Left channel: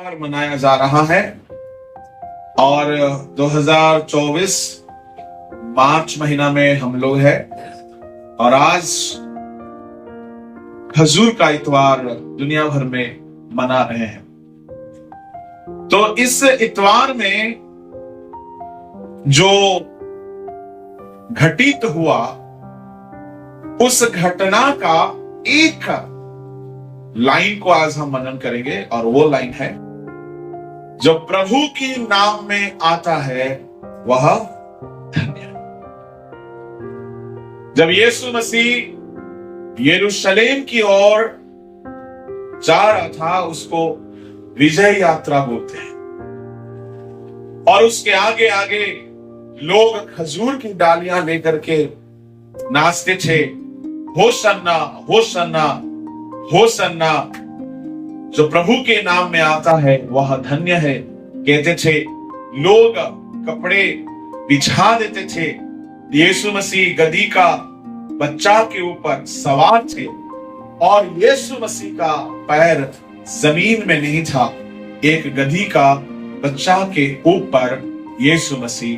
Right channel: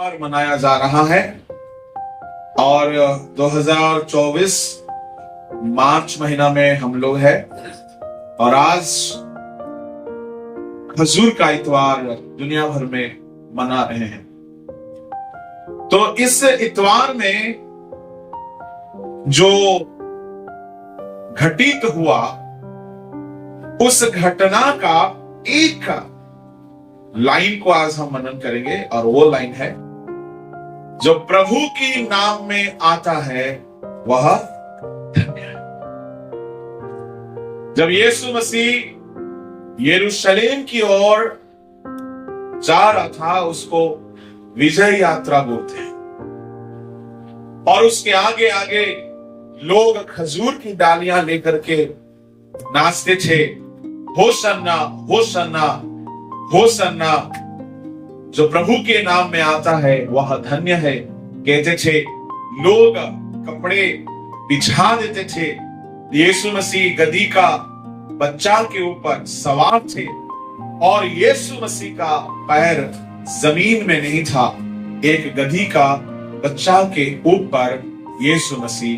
त्योहार मनाया जा रहा है और 2024 मार्च महीना में हम लोग हैं और आज खजूर का इतवार दुनिया भर में मना रहे हैं। तो इस इतवार में जो घटित हुआ उस घटना का एक लाइन को आज हम मनन करेंगे और वो लाइन है, जो प्रभु की नाम में आता है वह धन्य है। जब यीशु मसीह यरूशलेम की ओर जा रहा था, उसको विजय यात्रा बोलते हैं, और उसके आगे आगे लोग खजूर की डालियां लेकर के नाचते थे, होसन्ना होसन्ना होसन्ना, जो प्रभु के नाम में आता है वह धन्य है कहते थे। लोग कपड़े बिछा देते थे। यीशु मसीह गधी का बच्चा के ऊपर सवार थे और यीशु मसीह का पैर जमीन में नहीं था। एक गधी का बच्चा के ऊपर यीशु मसीह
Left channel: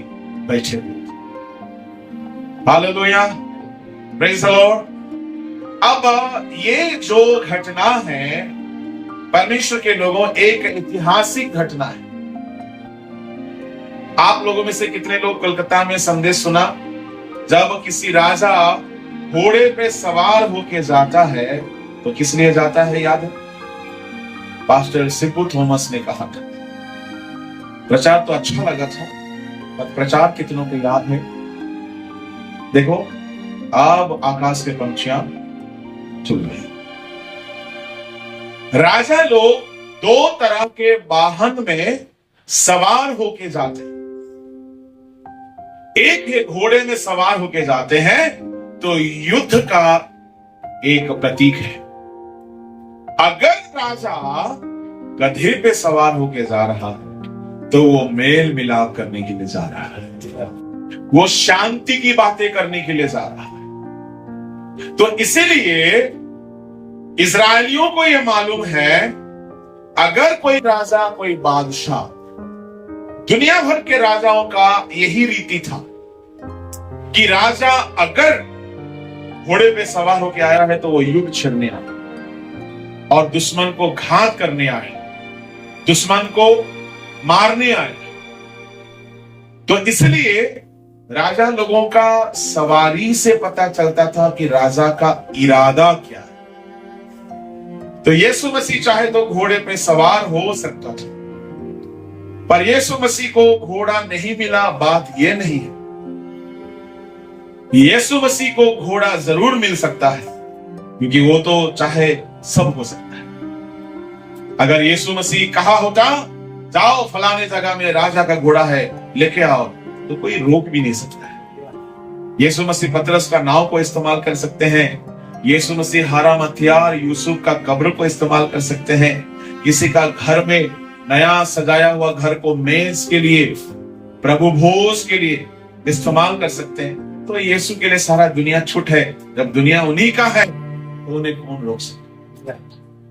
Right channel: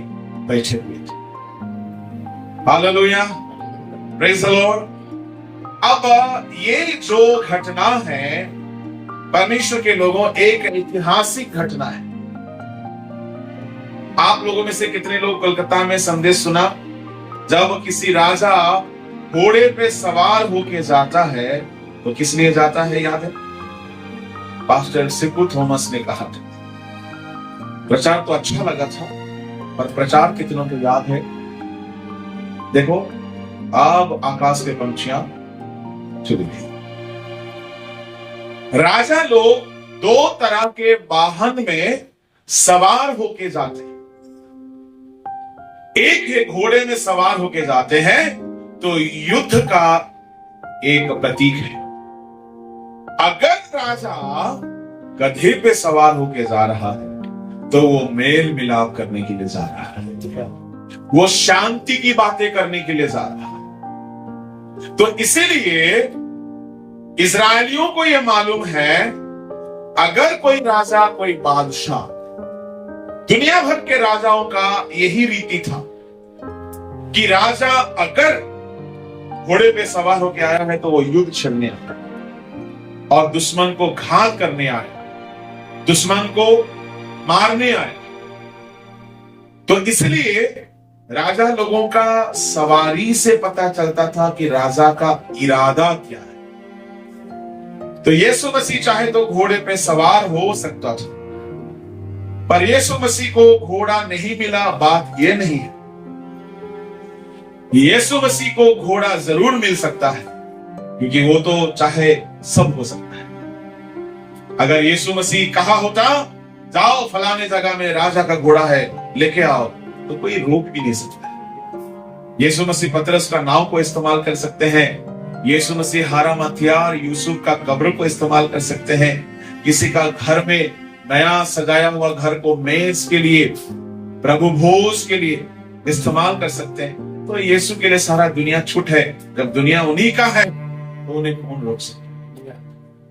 बैठे हुए थे। Hallelujah, praise the Lord. अब ये जो घटना है परमेश्वर के लोगों, एक ऐतिहासिक घटना है। आप लोगों में से कितने लोग कोलकाता में संदेश सुना, जब किसी राजा घोड़े पे सवार होके जाता है तो किस लिए जाता है याद है? पास्टर सिपू थॉमस ने कहा था। प्रचार तो अच्छा लगा था, पर प्रचार कितनों को याद है? देखो, अब आकाश के पंछियां चुग गए। राजा लोग दो तरह के वाहन में सवार होके जाते हैं। एक है घोड़े में सवार होके जाते हैं, तो युद्ध का एक प्रतीक है। अगर राजा गधे पे सवार होके जा रहा है तो वो मेल मिलाप करने के लिए जा रहा है, वो शांति की बातें करने के लिए जा रहा है। तो इसीलिए इजरायलियों को यह मालूम है, अगर कोई राजा, कोई बादशाह, दुनिया भर के राजाओं का यही रीति था कि राजा अगर घोड़े पे सवार होकर आया है तो वो युद्ध छेड़ने आया और दुश्मन को घात करने आए, दुश्मन को मारने आए। तो इसलिए राजा लोगों का सवारी से पता चलता था कि राजा का इरादा क्या है। तो यीशु मसीह चाहे तो घोड़े पे सवार हो सकता था, पर यीशु मसीह को घोड़ा नहीं मिला, बात यह नहीं है। यीशु मसीह को घोड़ा जरूर मिल सकता है, क्योंकि वो तो चाहे सब हो सकता है। अगर यीशु मसीह कहा होता, जाओ फलाने जगह में राजा का घोड़ा है, लेके आओ, तो कोई रोक भी नहीं सकता है। यीशु मसीह पतरस का नाव को इस्तेमाल कर सकते हैं। यीशु मसीह हाराम हथियार यूसुफ का कब्र को इस्तेमाल कर सकते हैं। किसी का घर में नया सजाया हुआ घर को मेज के लिए, प्रभु भोज के लिए इस्तेमाल कर सकते हैं। तो यीशु के लिए सारा दुनिया छूट है। जब दुनिया उन्हीं का है तो उन्हें कौन रोक सकते?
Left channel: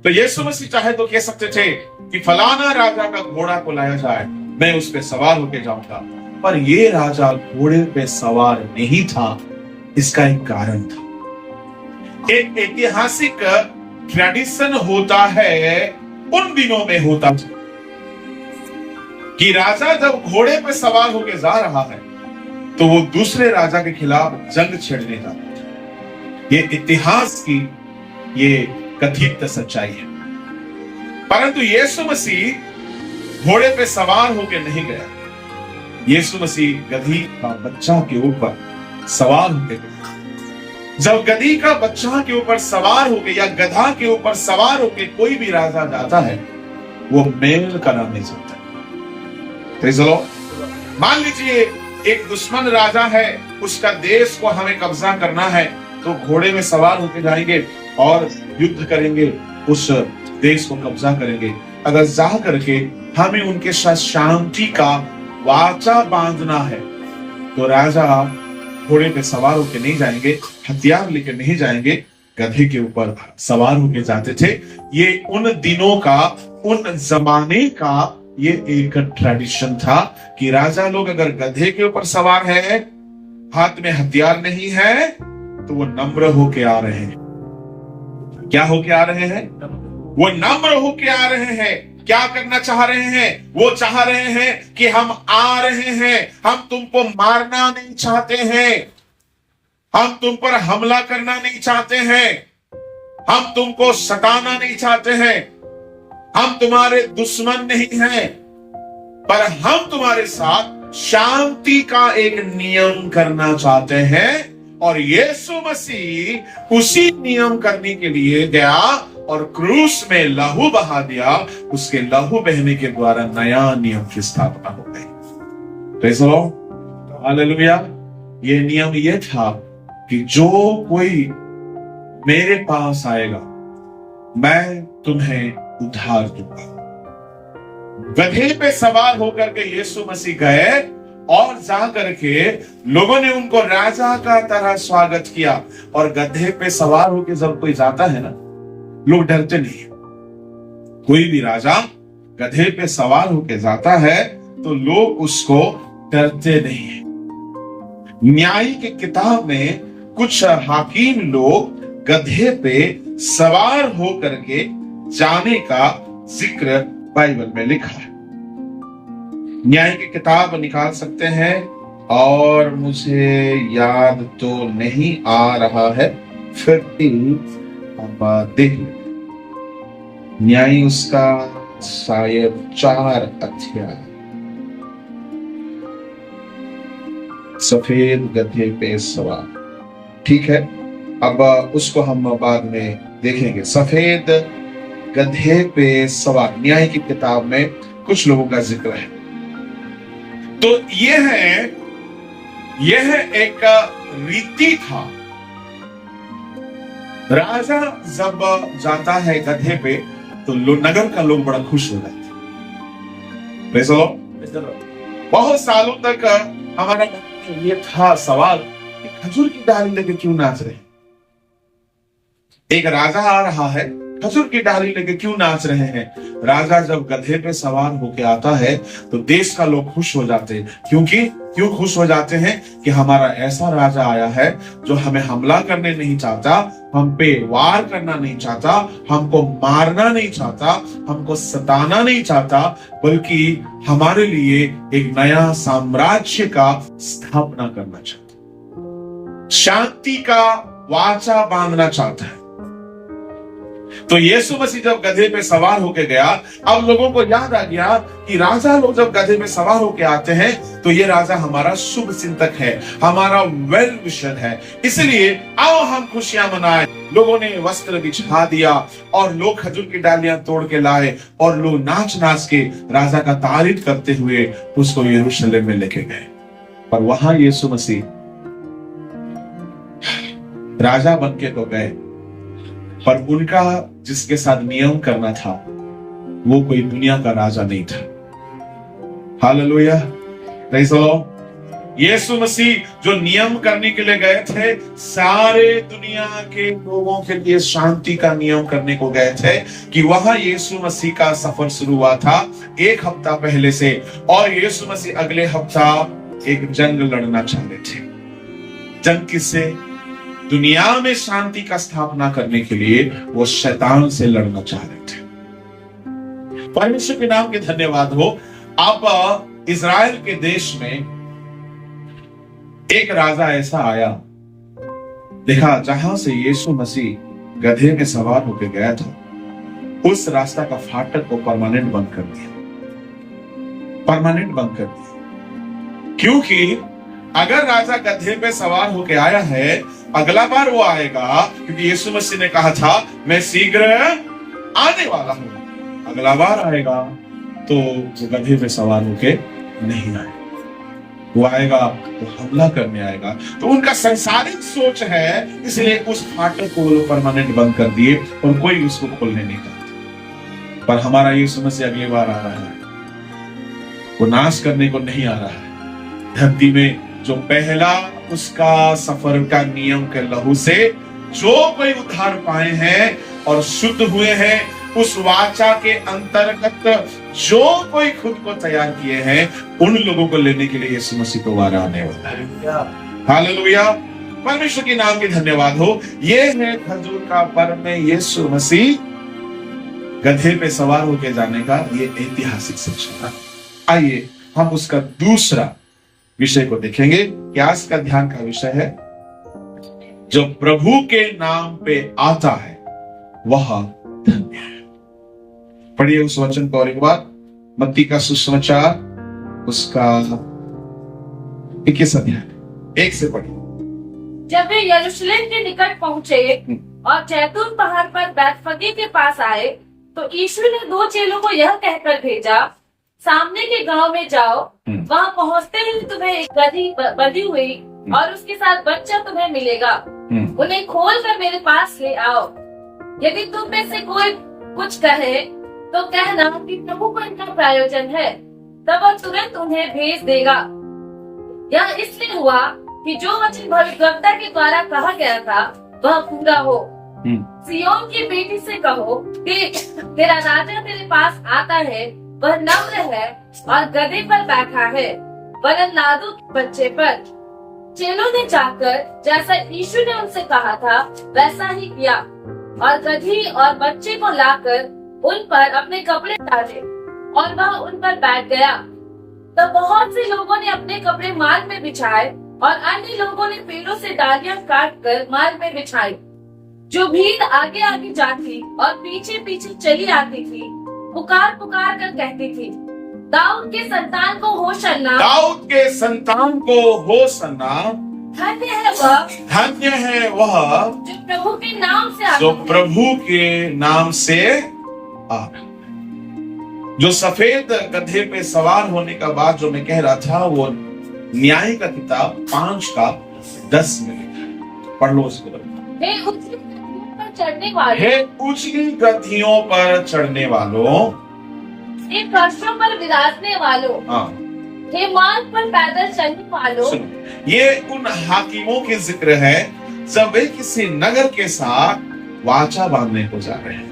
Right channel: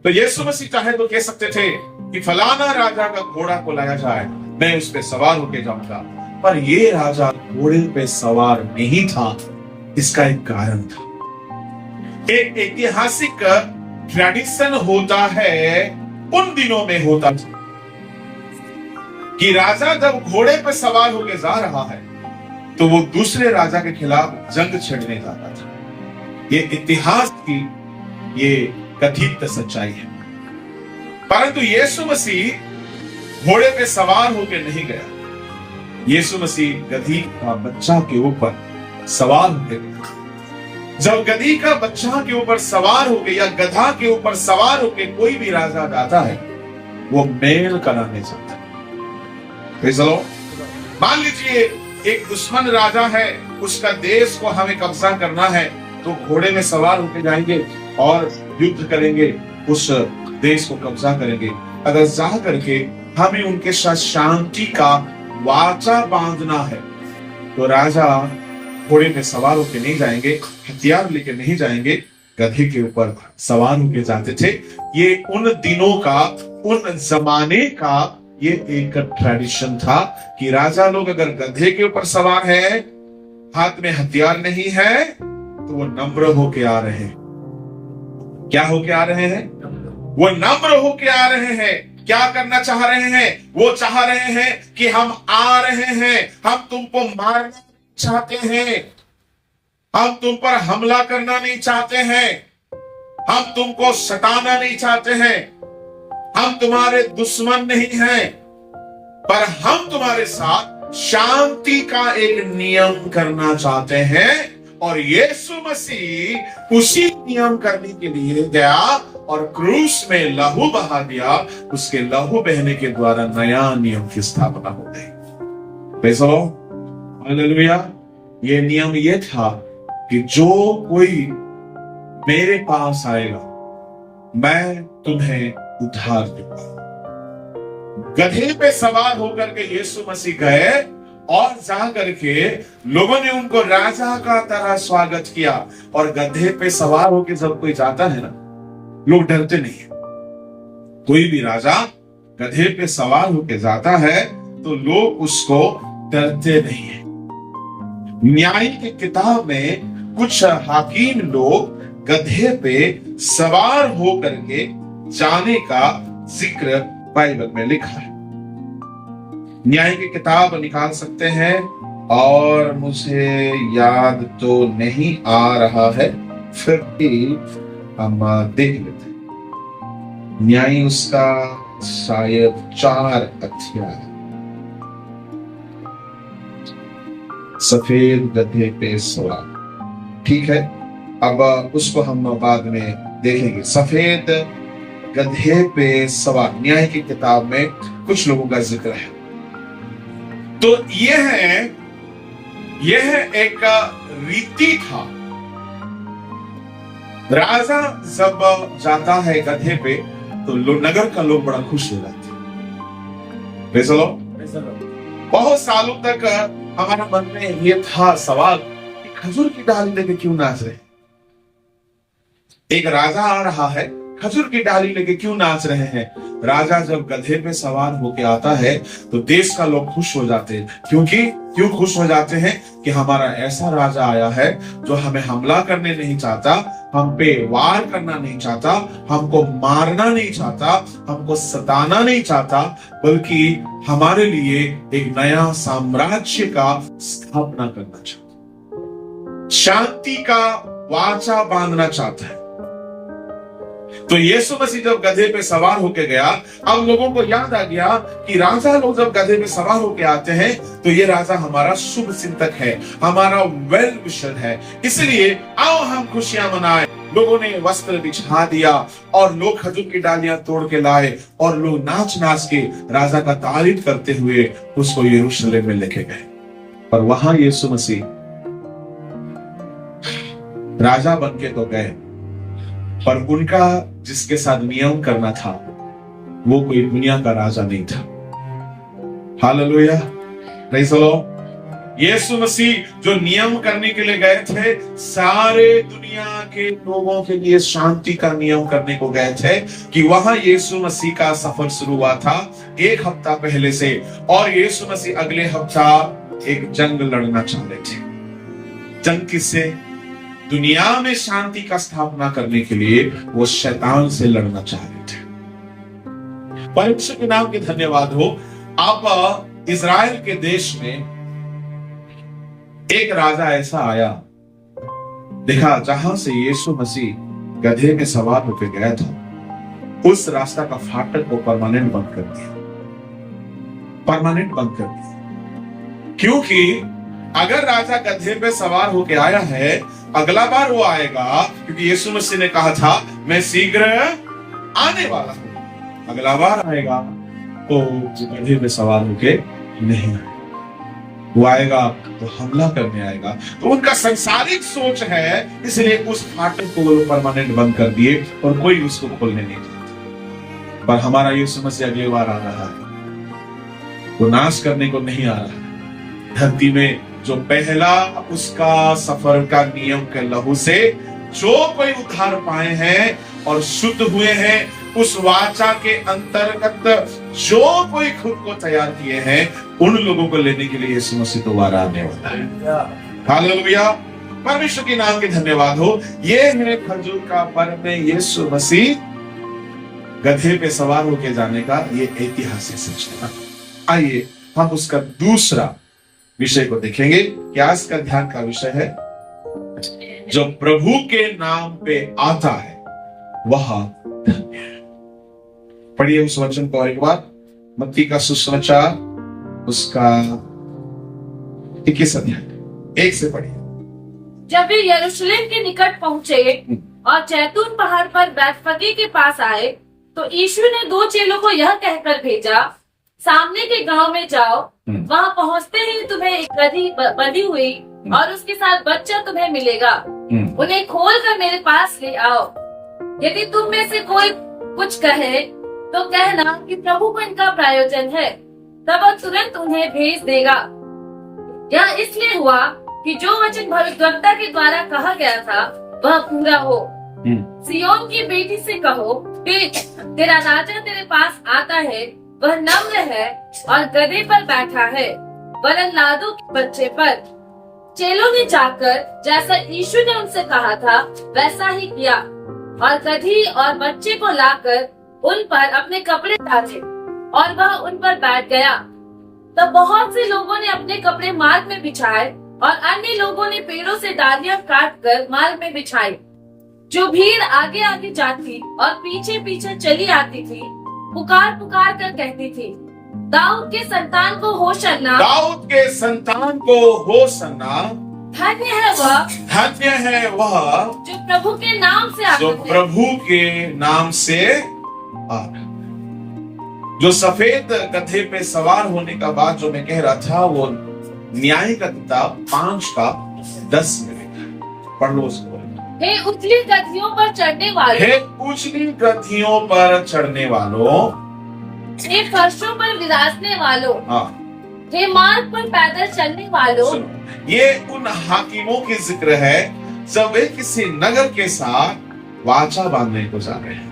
तो यीशु मसीह चाहे तो कह सकते थे कि फलाना राजा का घोड़ा को लाया जाए, मैं उस पर सवार होके जाऊंगा। पर ये राजा घोड़े पे सवार नहीं था। इसका एक कारण था। एक ऐतिहासिक ट्रेडिशन होता है, उन दिनों में होता था कि राजा जब घोड़े पे सवार होके जा रहा है तो वो दूसरे राजा के खिलाफ जंग छेड़ने जाता था। ये इतिहास की ये कथित सच्चाई है। परंतु यीशु मसीह घोड़े पे सवार होके नहीं गया। यीशु मसीह गधी का बच्चा के ऊपर सवार होके गया। जब गधी का बच्चा के ऊपर सवार होके या गधा के ऊपर सवार होके कोई भी राजा जाता है, वो मेल कराने जाता है। मान लीजिए एक दुश्मन राजा है, उसका देश को हमें कब्जा करना है, तो घोड़े में सवार होके जाएंगे और युद्ध करेंगे, उस देश को कब्जा करेंगे। अगर जा करके हमें उनके साथ शांति का वाचा बांधना है तो राजा घोड़े पे सवार होकर नहीं जाएंगे, हथियार लेकर नहीं जाएंगे, गधे के ऊपर सवार होके जाते थे। ये उन दिनों का, उन जमाने का ये एक ट्रेडिशन था कि राजा लोग अगर गधे के ऊपर सवार है, हाथ में हथियार नहीं है, तो वो नम्र होके आ रहे हैं। क्या होके आ रहे हैं? वो नम्र होके आ रहे हैं। क्या करना चाह रहे हैं? वो चाह रहे हैं कि हम आ रहे हैं, हम तुमको मारना नहीं चाहते हैं, हम तुम पर हमला करना नहीं चाहते हैं, हम तुमको सताना नहीं चाहते हैं, हम तुम्हारे दुश्मन नहीं हैं, पर हम तुम्हारे साथ शांति का एक नियम करना चाहते हैं। और यीशु मसीह उसी नियम करने के लिए गया और क्रूस में लहू बहा दिया। उसके लहू बहने के द्वारा नया नियम की स्थापना हो गई। Praise the Lord, hallelujah. ये नियम ये था कि जो कोई मेरे पास आएगा, मैं तुम्हें उद्धार दूंगा। गधे पे सवार होकर के यीशु मसीह गए और जा करके लोगों ने उनको राजा का तरह स्वागत किया। और गधे पे सवार होकर जब कोई जाता है ना, लोग डरते नहीं। कोई भी राजा गधे पे सवार होकर जाता है तो लोग उसको डरते नहीं। न्याय की किताब में कुछ हाकिम लोग गधे पे सवार होकर के जाने का जिक्र बाइबल में लिखा है। न्याय की किताब निकाल सकते हैं, और मुझे याद तो नहीं आ रहा है, फिर भी हम देख लेते हैं। न्याय उसका शायद 4 अध्याय। सफेद गधे पे सवार, ठीक है, अब उसको हम बाद में देखेंगे। सफेद गधे पे सवार न्याय की किताब में कुछ लोगों का जिक्र है। तो यह एक रीति था। राजा जब जाता है गधे पे तो नगर का लोग बड़ा खुश हो जाते। Praise the Lord. बहुत सालों तक हमारे मन में ये था सवाल कि खजूर की डाली लेके क्यों नाच रहे? एक राजा आ रहा है, खजूर की डाली लेके क्यों नाच रहे हैं? राजा जब गधे पे सवार होके आता है तो देश का लोग खुश हो जाते हैं। क्यों खुश हो जाते हैं? कि हमारा ऐसा राजा आया है जो हमें हमला करने नहीं चाहता, हम पे वार करना नहीं चाहता, हमको मारना नहीं चाहता, हमको सताना नहीं चाहता, बल्कि हमारे लिए एक नया साम्राज्य का स्थापना करना चाहता, शांति का वाचा बांधना चाहता है। तो यीशु मसीह जब गधे पे सवार होके गया, अब लोगों को याद आ गया कि राजा लोग जब गधे पे सवार होके आते हैं तो ये राजा हमारा शुभ चिंतक है, हमारा वेल विशर है, इसलिए आओ हम खुशियां मनाएं। लोगों ने वस्त्र बिछा दिया और लोग खजूर की डालियां तोड़ के लाए और लोग नाच नाच के राजा का तारीफ करते हुए उसको यरूशलेम में लेके गए। पर वहां यीशु मसीह राजा बन के तो गए, पर उनका जिसके साथ नियम करना था वो कोई दुनिया का राजा नहीं था। Hallelujah, praise the lord. Yeshu Masih जो नियम करने के लिए गए थे, सारे दुनिया के लोगों के लिए शांति का नियम करने को गए थे। कि वहां यीशु मसीह का सफर शुरू हुआ था 1 हफ्ता पहले से, और यीशु मसीह अगले हफ्ता एक जंग लड़ना चाहते थे। जंग किससे? दुनिया में शांति का स्थापना करने के लिए वो शैतान से लड़ना चाह रहे थे। परमेश्वर के नाम के धन्यवाद हो। अब इज़राइल के देश में एक राजा ऐसा आया, देखा जहां से यीशु मसीह गधे में सवार होकर गया था, उस रास्ता का फाटक को परमानेंट बंद कर दिया, परमानेंट बंद कर दिया। क्योंकि अगर राजा गधे पे सवार होके आया है, अगला बार वो आएगा, क्योंकि यीशु मसीह ने कहा था मैं शीघ्र आने वाला हूं। अगला बार आएगा तो वो गधे पे सवार होके नहीं आएगा, वो आएगा तो हमला करने आएगा। तो उनका सांसारिक सोच है, इसलिए उस फाटक को वो परमानेंट बंद कर दिए और कोई उसको खोलने नहीं चाहता। पर हमारा यीशु मसीह अगली बार आ रहा है, वो नाश करने को नहीं आ रहा है। धरती में जो पहला उसका सफर का नियम के लहू से जो कोई उद्धार पाए हैं और शुद्ध हुए हैं, उस वाचा के अंतर्गत जो कोई खुद को तैयार किए हैं, उन लोगों को लेने के लिए यीशु मसीह दोबारा आने वाला है। हालेलुया, परमेश्वर के नाम की धन्यवाद हो। ये है खजूर का पर्व में यीशु मसीह गधे पे सवार होकर जाने का ये ऐतिहासिक सूचना। आइए हम उसका दूसरा विषय को देखेंगे कि आज का ध्यान का विषय है, जो प्रभु के नाम पे आता है वह धन्य है। पढ़िए उस वचन को और एक बार, मत्ती का सुसमाचार उसका 21 अध्याय 1 से पढ़िए। जब वे यरूशलेम के निकट पहुँचे और जैतून पहाड़ पर बैतफगे के पास आए, तो यीशु ने 2 चेलों को यह कहकर भेजा, सामने के गांव में जाओ, वहां पहुंचते ही तुम्हें एक गधी बंधी हुई और उसके साथ बच्चा तुम्हें मिलेगा, उन्हें खोलकर मेरे पास ले आओ। यदि तुम में से कोई कुछ कहे तो कहना कि प्रभु को इनका प्रयोजन है, तब वह तुरंत उन्हें भेज देगा। यह इसलिए हुआ कि जो वचन भविष्यवक्ता के द्वारा कहा गया था वह पूरा हो। सियोन की बेटी से कहो कि तेरा राजा तेरे पास आता है, वह नम्र है और गधे पर बैठा है, वरन लादू के बच्चे पर। चेलों ने जाकर जैसा यीशु ने उनसे कहा था वैसा ही किया और गधी और बच्चे को लाकर उन पर अपने कपड़े डाले और वह उन पर बैठ गया। तब बहुत से लोगों ने अपने कपड़े मार्ग में बिछाए और अन्य लोगों ने पेड़ों से डालियां काटकर मार्ग में बिछाई। जो भीड़ आगे आगे जाती और पीछे पीछे चली आती थी, पुकार पुकार कर कहती थी, दाऊद के संतान को होशन्ना, दाऊद के संतान को होशन्ना, धन्य है वह, धन्य है वह जो प्रभु के नाम से आता जो है। प्रभु के नाम से आ रहा है। जो सफेद गधे पे सवार होने का बाद जो मैं कह रहा था, वो न्याय का किताब 5 का 10 में पढ़ लो उसके बारे में। हे उजली गधियों पर चढ़ने वालों, हे उजली गधियों पर चढ़ने वालों, हे फर्शों पर विराजने वालों, हाँ, हे मार्ग पर पैदल चलने वालों। सुनो, ये उन हाकिमों के जिक्र है जब वे किसी नगर के साथ वाचा बांधने को जा रहे हैं।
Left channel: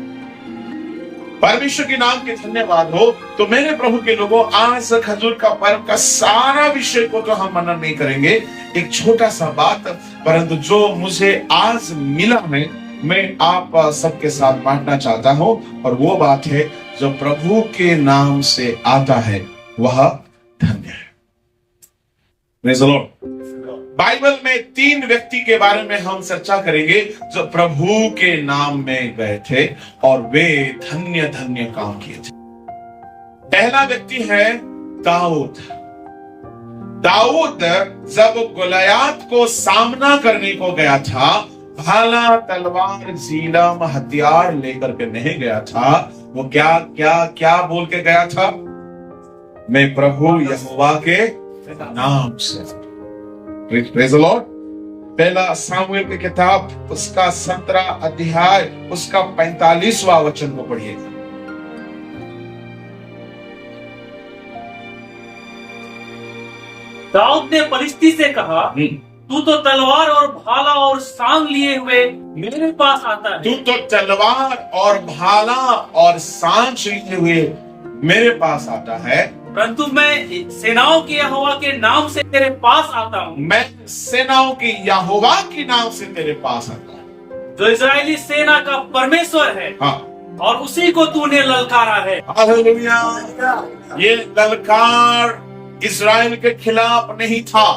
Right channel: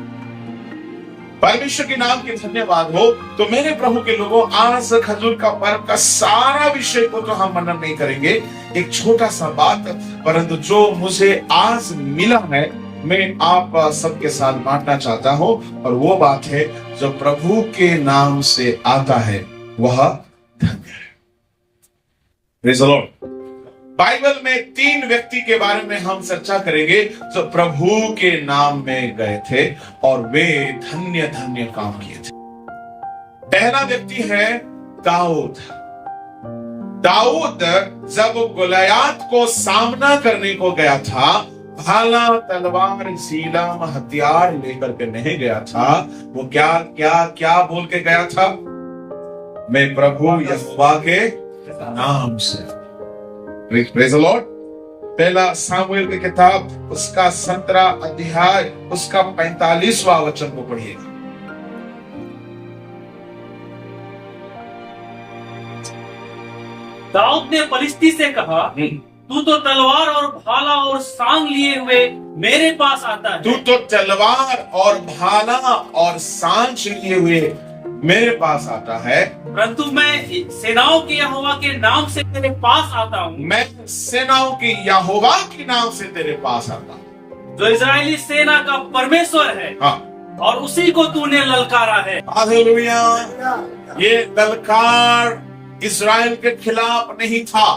परमेश्वर के नाम के धन्यवाद हो। तो मेरे प्रभु के लोगों, आज खजूर का पर्व का सारा विषय को तो हम मनन नहीं करेंगे, एक छोटा सा बात, परंतु जो मुझे आज मिला है मैं आप सबके साथ बांटना चाहता हूं, और वो बात है, जो प्रभु के नाम से आता है वह धन्य है। Praise the Lord. बाइबल में 3 व्यक्ति के बारे में हम चर्चा करेंगे जो प्रभु के नाम में गए थे और वे धन्य धन्य काम किए थे। पहला व्यक्ति है दाऊद। दाऊद जब गोलियत को सामना करने को गया था, भाला तलवार जीलम हथियार लेकर के नहीं गया था, वो क्या क्या क्या बोल के गया था? मैं प्रभु यहोवा के नाम से। Praise the Lord. पहला सामुएल की किताब उसका 17 अध्याय उसका 45वां वचन को पढ़िएगा। दाऊद ने पलिश्ती से कहा, तू तो तलवार और भाला और सांग लिए हुए मेरे पास आता है। तू तो तलवार और भाला और सांग लिए हुए मेरे पास आता है, परंतु मैं सेनाओं के यहोवा के नाम से तेरे पास आता हूँ। मैं सेनाओं के यहोवा के नाम से तेरे पास आता हूँ, जो इजरायली सेना का परमेश्वर है, हाँ, और उसी को तूने ललकारा है। हालेलुया। ये ललकार इस्राएल के खिलाफ नहीं था,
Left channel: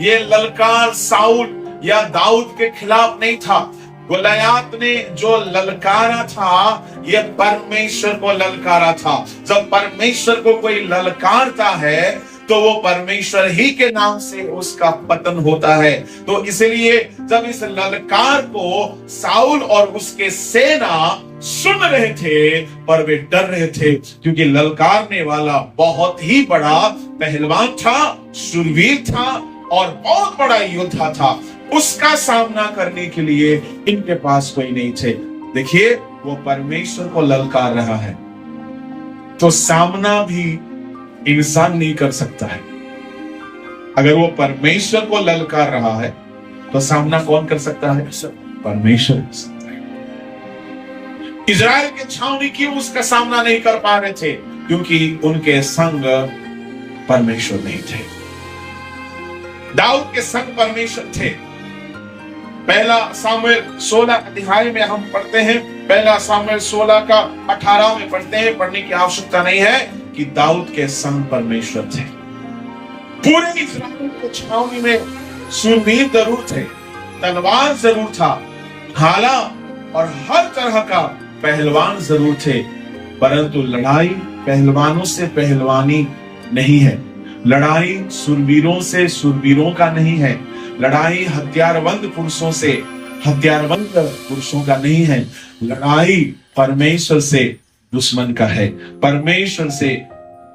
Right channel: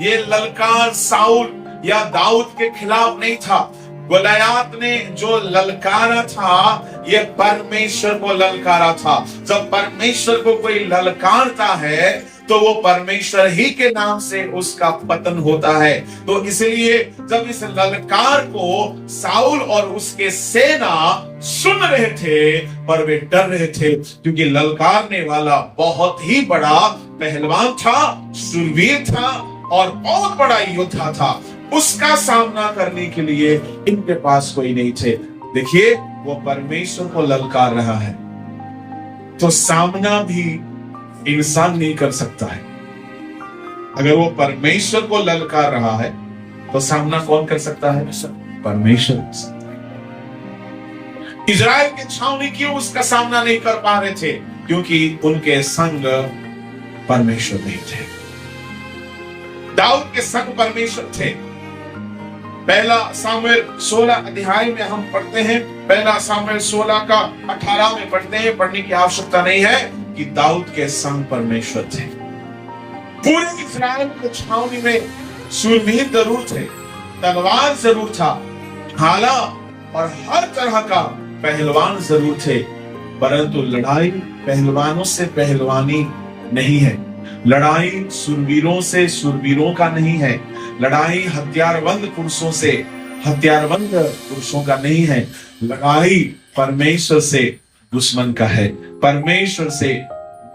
ये ललकार साउल या दाऊद के खिलाफ नहीं था। गोलियत ने जो ललकारा था, ये परमेश्वर को ललकारा था। जब परमेश्वर को कोई ललकारता है तो वो परमेश्वर ही के नाम से उसका पतन होता है। तो इसलिए जब इस ललकार को साउल और उसके सेना सुन रहे थे, पर वे डर रहे थे, क्योंकि ललकारने वाला बहुत ही बड़ा पहलवान था, शूरवीर था और बहुत बड़ा योद्धा था। उसका सामना करने के लिए इनके पास कोई नहीं थे। देखिए, वो परमेश्वर को ललकार रहा है, तो सामना भी इंसान नहीं कर सकता है। अगर वो परमेश्वर को ललकार रहा है तो सामना कौन कर सकता है? परमेश्वर कर सकता है। इजराइल के छावनी क्यों उसका सामना नहीं कर पा रहे थे? क्योंकि उनके संग परमेश्वर नहीं थे। दाऊद के संग परमेश्वर थे। पहला सामुएल 16 अध्याय में हम पढ़ते हैं, पहला सामुएल 16 का 18 में पढ़ते हैं, पढ़ने की आवश्यकता नहीं है कि दाऊद के संग परमेश्वर थे। पूरे इस्राएल को छावनी में शूरवीर जरूर थे, तलवार जरूर था, भाला और हर तरह का पहलवान जरूर थे, परंतु लड़ाई पहलवानों से पहलवानी नहीं है। लड़ाई शूरवीरों से शूरवीरों का नहीं है। लड़ाई हथियारबंद पुरुषों से हथियारबंद पुरुषों का नहीं है। लड़ाई परमेश्वर से दुश्मन का है, परमेश्वर से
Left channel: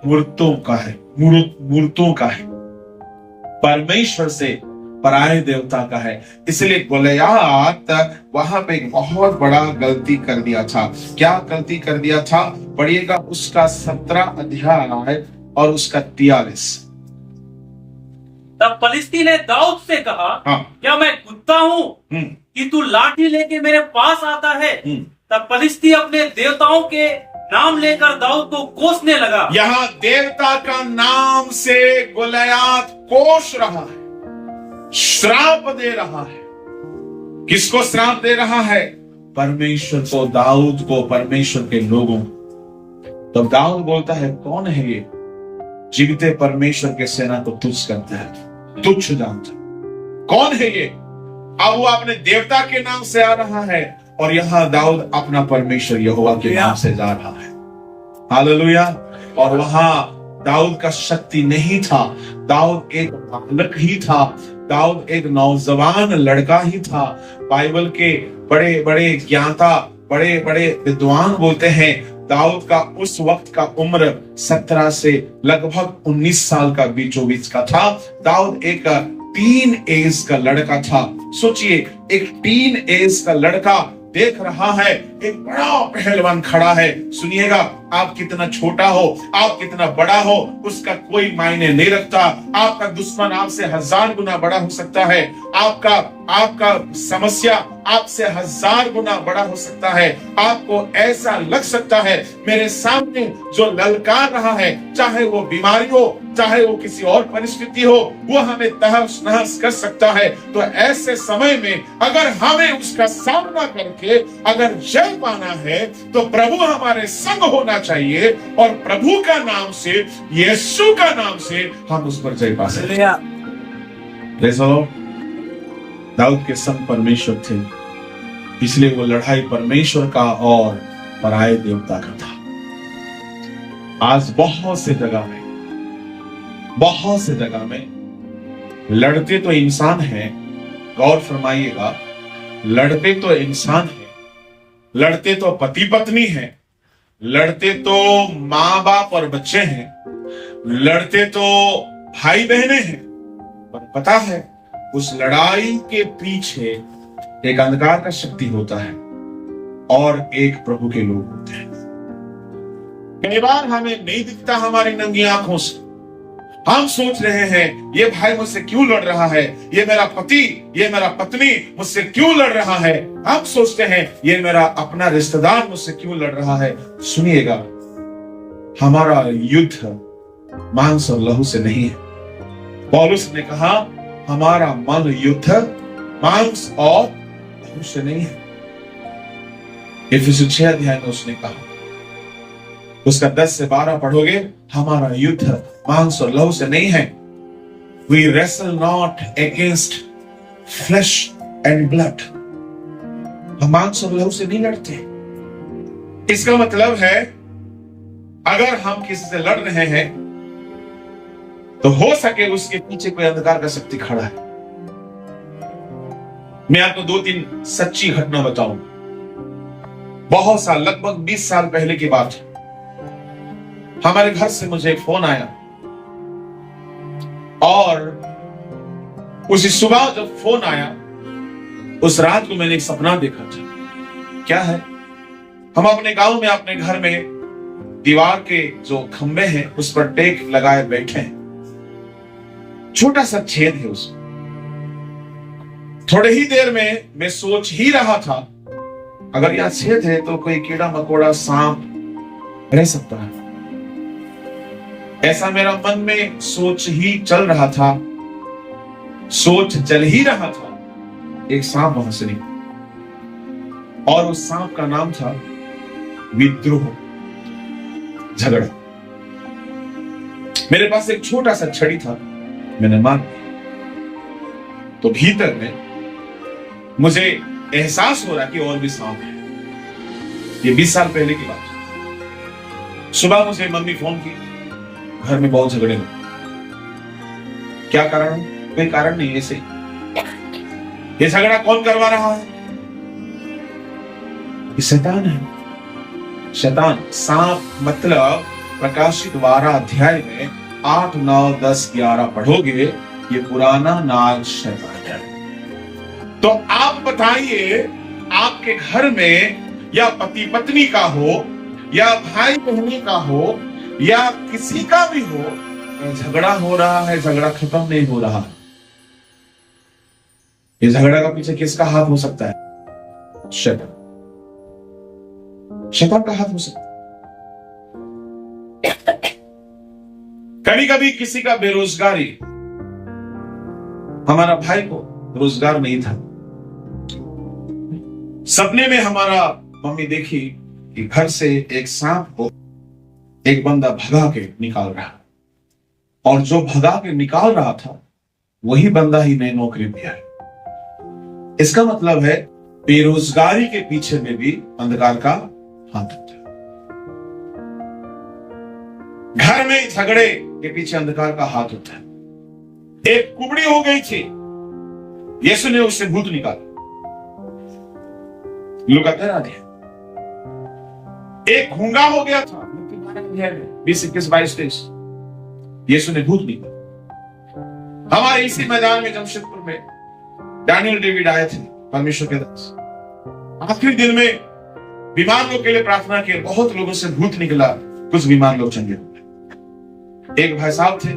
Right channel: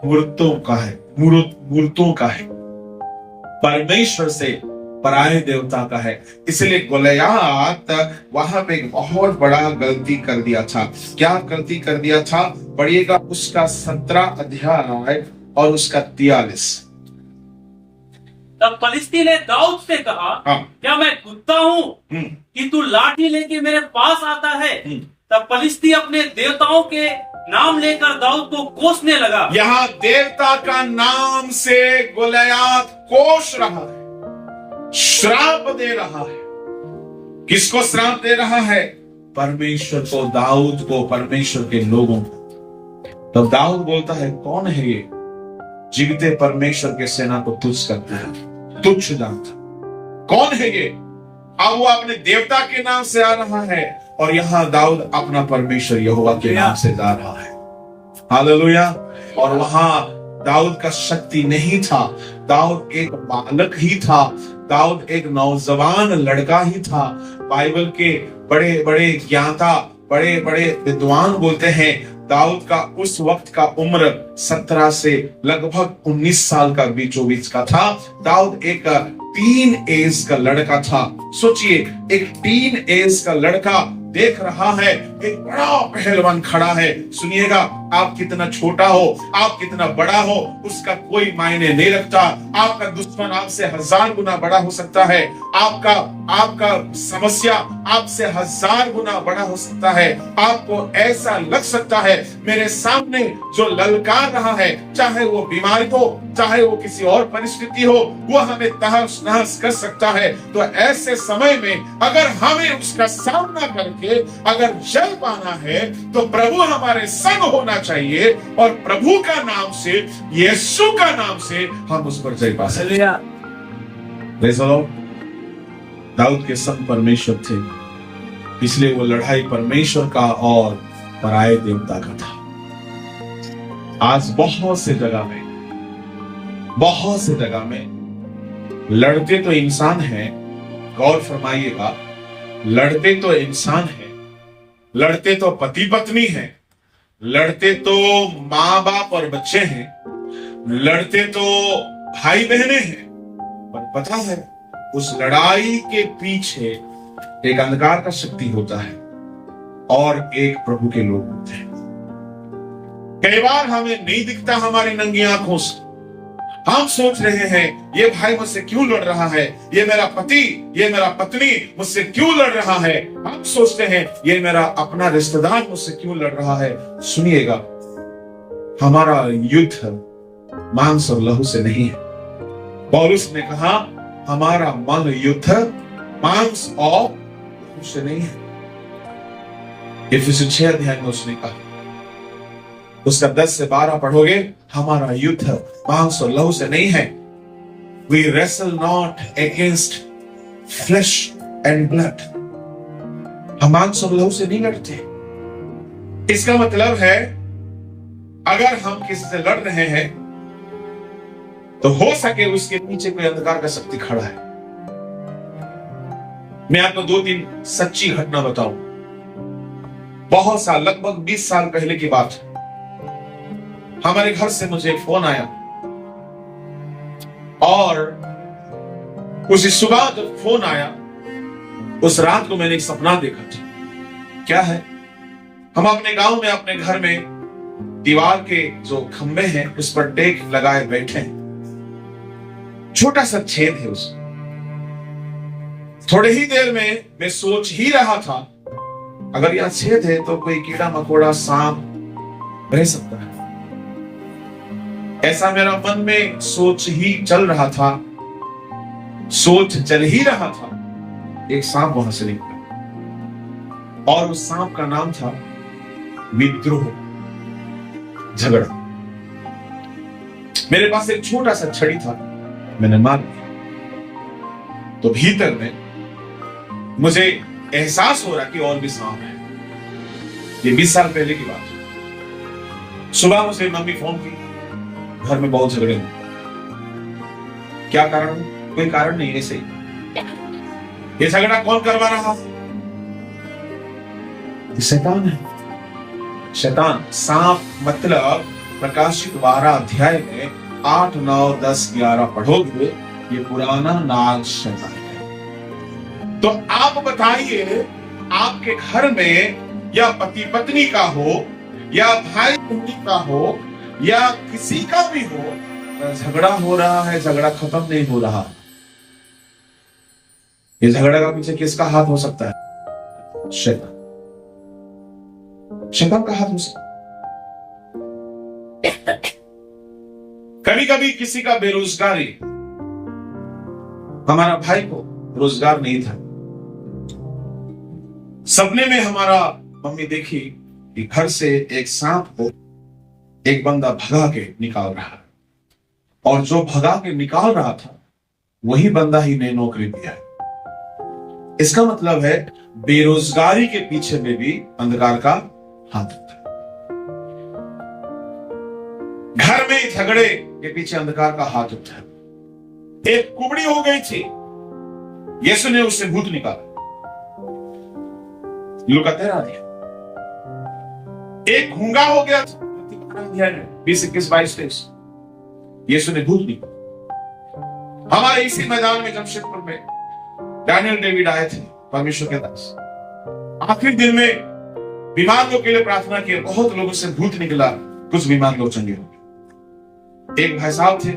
मूर्तों का है, मूर्तों का है, परमेश्वर से पराये देवता का है। इसलिए गोलियत वहां पे एक बहुत बड़ा गलती कर दिया था। क्या गलती कर दिया था? पढ़िएगा उसका 17 अध्याय और उसका 43। तब फलिस्ती ने दाऊद से कहा, हाँ। क्या मैं कुत्ता हूँ कि तू लाठी लेके मेरे पास आता है? तब फलिस्ती अपने देवताओं के नाम लेकर दाऊद को कोसने लगा। यहाँ देवता का नाम से गोलियत कोस रहा है, श्राप दे रहा है। किसको श्राप दे रहा है? परमेश्वर को, दाऊद को, परमेश्वर के लोगों को। तब दाऊद बोलता है, कौन है ये जीविते परमेश्वर के सेना को तुच्छ करता है, तुच्छ जानता? कौन है ये? अब वो अपने देवता के नाम से आ रहा है और यहां दाऊद अपना परमेश्वर यहोवा के नाम से जा रहा है। हालेलुया। और वहां दाऊद का शक्ति नहीं था, दाऊद एक बालक ही था, दाऊद एक नौजवान लड़का ही था। बाइबल के बड़े बड़े ज्ञाता, बड़े बड़े विद्वान बोलते हैं दाऊद का उस वक्त का उम्र 17 से लगभग 19 साल का बीचों बीच का था। दाऊद एक टीन एज का लड़का था। सोचिए, एक टीन एज का लड़का देख रहा है एक बड़ा पहलवान खड़ा है। सुनिएगा, आप कितना छोटा हो, आप कितना बड़ा हो, उसका कोई मायने नहीं रखता। आपका दुश्मन आपसे 1000 गुना बड़ा हो सकता है, आपका समस्या आपसे 1000 गुना बड़ा हो सकता है। आपको ऐसा लग सकता है मेरे सामने जो ललकार रहा है, चाहे वो बीमारी हो, चाहे वो किसी और परिस्थिति हो, वो हमें तहस नहस कर सकता है। तो ऐसे समय में अगर हमें उसका सामना करके अगर जय पाना है तो प्रभु हमारे संग होना चाहिए और प्रभु का नाम से, यीशु का नाम से हम उस पर जय पा सकते हैं। Praise the Lord। दाऊद के संग परमेश्वर थे, इसलिए वो लड़ाई परमेश्वर का और पराये देवता का था। आज बहुत से जगह में लड़ते तो इंसान हैं, गौर फरमाइएगा, लड़ते तो इंसान हैं, लड़ते तो पति पत्नी हैं, लड़ते तो माँ बाप और बच्चे हैं, लड़ते तो भाई बहनें हैं, पर पता है उस लड़ाई के पीछे एक अंधकार का शक्ति होता है और एक प्रभु के लोग होते हैं। कई बार हमें नहीं दिखता हमारी नंगी आंखों से। हम सोच रहे हैं ये भाई मुझसे क्यों लड़ रहा है, ये मेरा पति, ये मेरा पत्नी मुझसे क्यों लड़ रहा है। हम सोचते हैं ये मेरा अपना रिश्तेदार मुझसे क्यों लड़ रहा है। सुनिएगा, हमारा युद्ध मांस और लहू से नहीं है। पौलुस ने कहा हमारा मन युद्ध मांस और लहू से नहीं है। इफिसियों 6 अध्याय में उसने कहा, उसका 10 से 12 पढ़ोगे, हमारा युद्ध मांस और लहू से नहीं है। We wrestle not against flesh and blood। हम मांस और लहू से नहीं लड़ते। इसका मतलब है अगर हम किसी से लड़ रहे हैं तो हो सके उसके पीछे कोई अंधकार का शक्ति खड़ा है। मैं आपको 2-3 सच्ची घटना बताऊं। बहुत साल, लगभग 20 साल पहले की बात है। हमारे घर से मुझे एक फोन आया और उसी सुबह जब फोन आया, उस रात को मैंने एक सपना देखा था। क्या है? हम अपने गांव में, अपने घर में दीवार के जो खंबे हैं उस पर टेक लगाए बैठे हैं। छोटा सा छेद है उसमें। थोड़े ही देर में मैं सोच ही रहा था, अगर यहां छेद है तो कोई कीड़ा मकोड़ा सांप रह सकता है। ऐसा मेरा मन में सोच ही चल रहा था, सोच चल ही रहा था। एक सांप वहां से निकला और उस सांप का नाम था विद्रोह, झगड़ा। मेरे पास एक छोटा सा छड़ी था, मैंने मार दिया। तो भीतर में मुझे एहसास हो रहा कि और भी सांप है। ये 20 साल पहले की बात है। सुबह मुझे मम्मी फोन की, घर में बहुत झगड़े हुए। क्या कारण? कोई कारण नहीं, ऐसे ये झगड़ा कौन करवा रहा है? ये शैतान है। शैतान, सांप मतलब प्रकाशित 12 अध्याय में 8, 9, 10, 11 पढ़ोगे, ये पुराना नाग शैतान है। तो आप बताइए, आपके घर में या पति पत्नी का हो या भाई बहनी का हो या किसी का भी हो, झगड़ा हो रहा है, झगड़ा खत्म नहीं हो रहा। ये झगड़ा का पीछे किसका हाथ हो सकता है? शैतान। शैतान का हाथ हो सकता है। कभी कभी किसी का बेरोजगारी, हमारा भाई को रोजगार नहीं था। सपने में हमारा मम्मी देखी कि घर से एक सांप को एक बंदा भगा के निकाल रहा है, और जो भगा के निकाल रहा था वही बंदा ही नई नौकरी दिया है। इसका मतलब है बेरोजगारी के पीछे में भी अंधकार का हाथ होता है। घर में झगड़े के पीछे अंधकार का हाथ होता है। एक कुबड़ी हो गई थी, यीशु ने उससे भूत निकाला। लूका 13 दिया। एक गूंगा हो गया था, 20, 21, 22, 23, यीशु ने भूत निकाला। हमारे इसी मैदान में जमशेदपुर में डैनियल डेविड आए थे, परमेश्वर के दास। आखिरी दिन में बीमार लोगों के लिए प्रार्थना की, बहुत लोगों से भूत निकला, कुछ बीमार लोग चंगे हो गए। एक भाई साहब थे,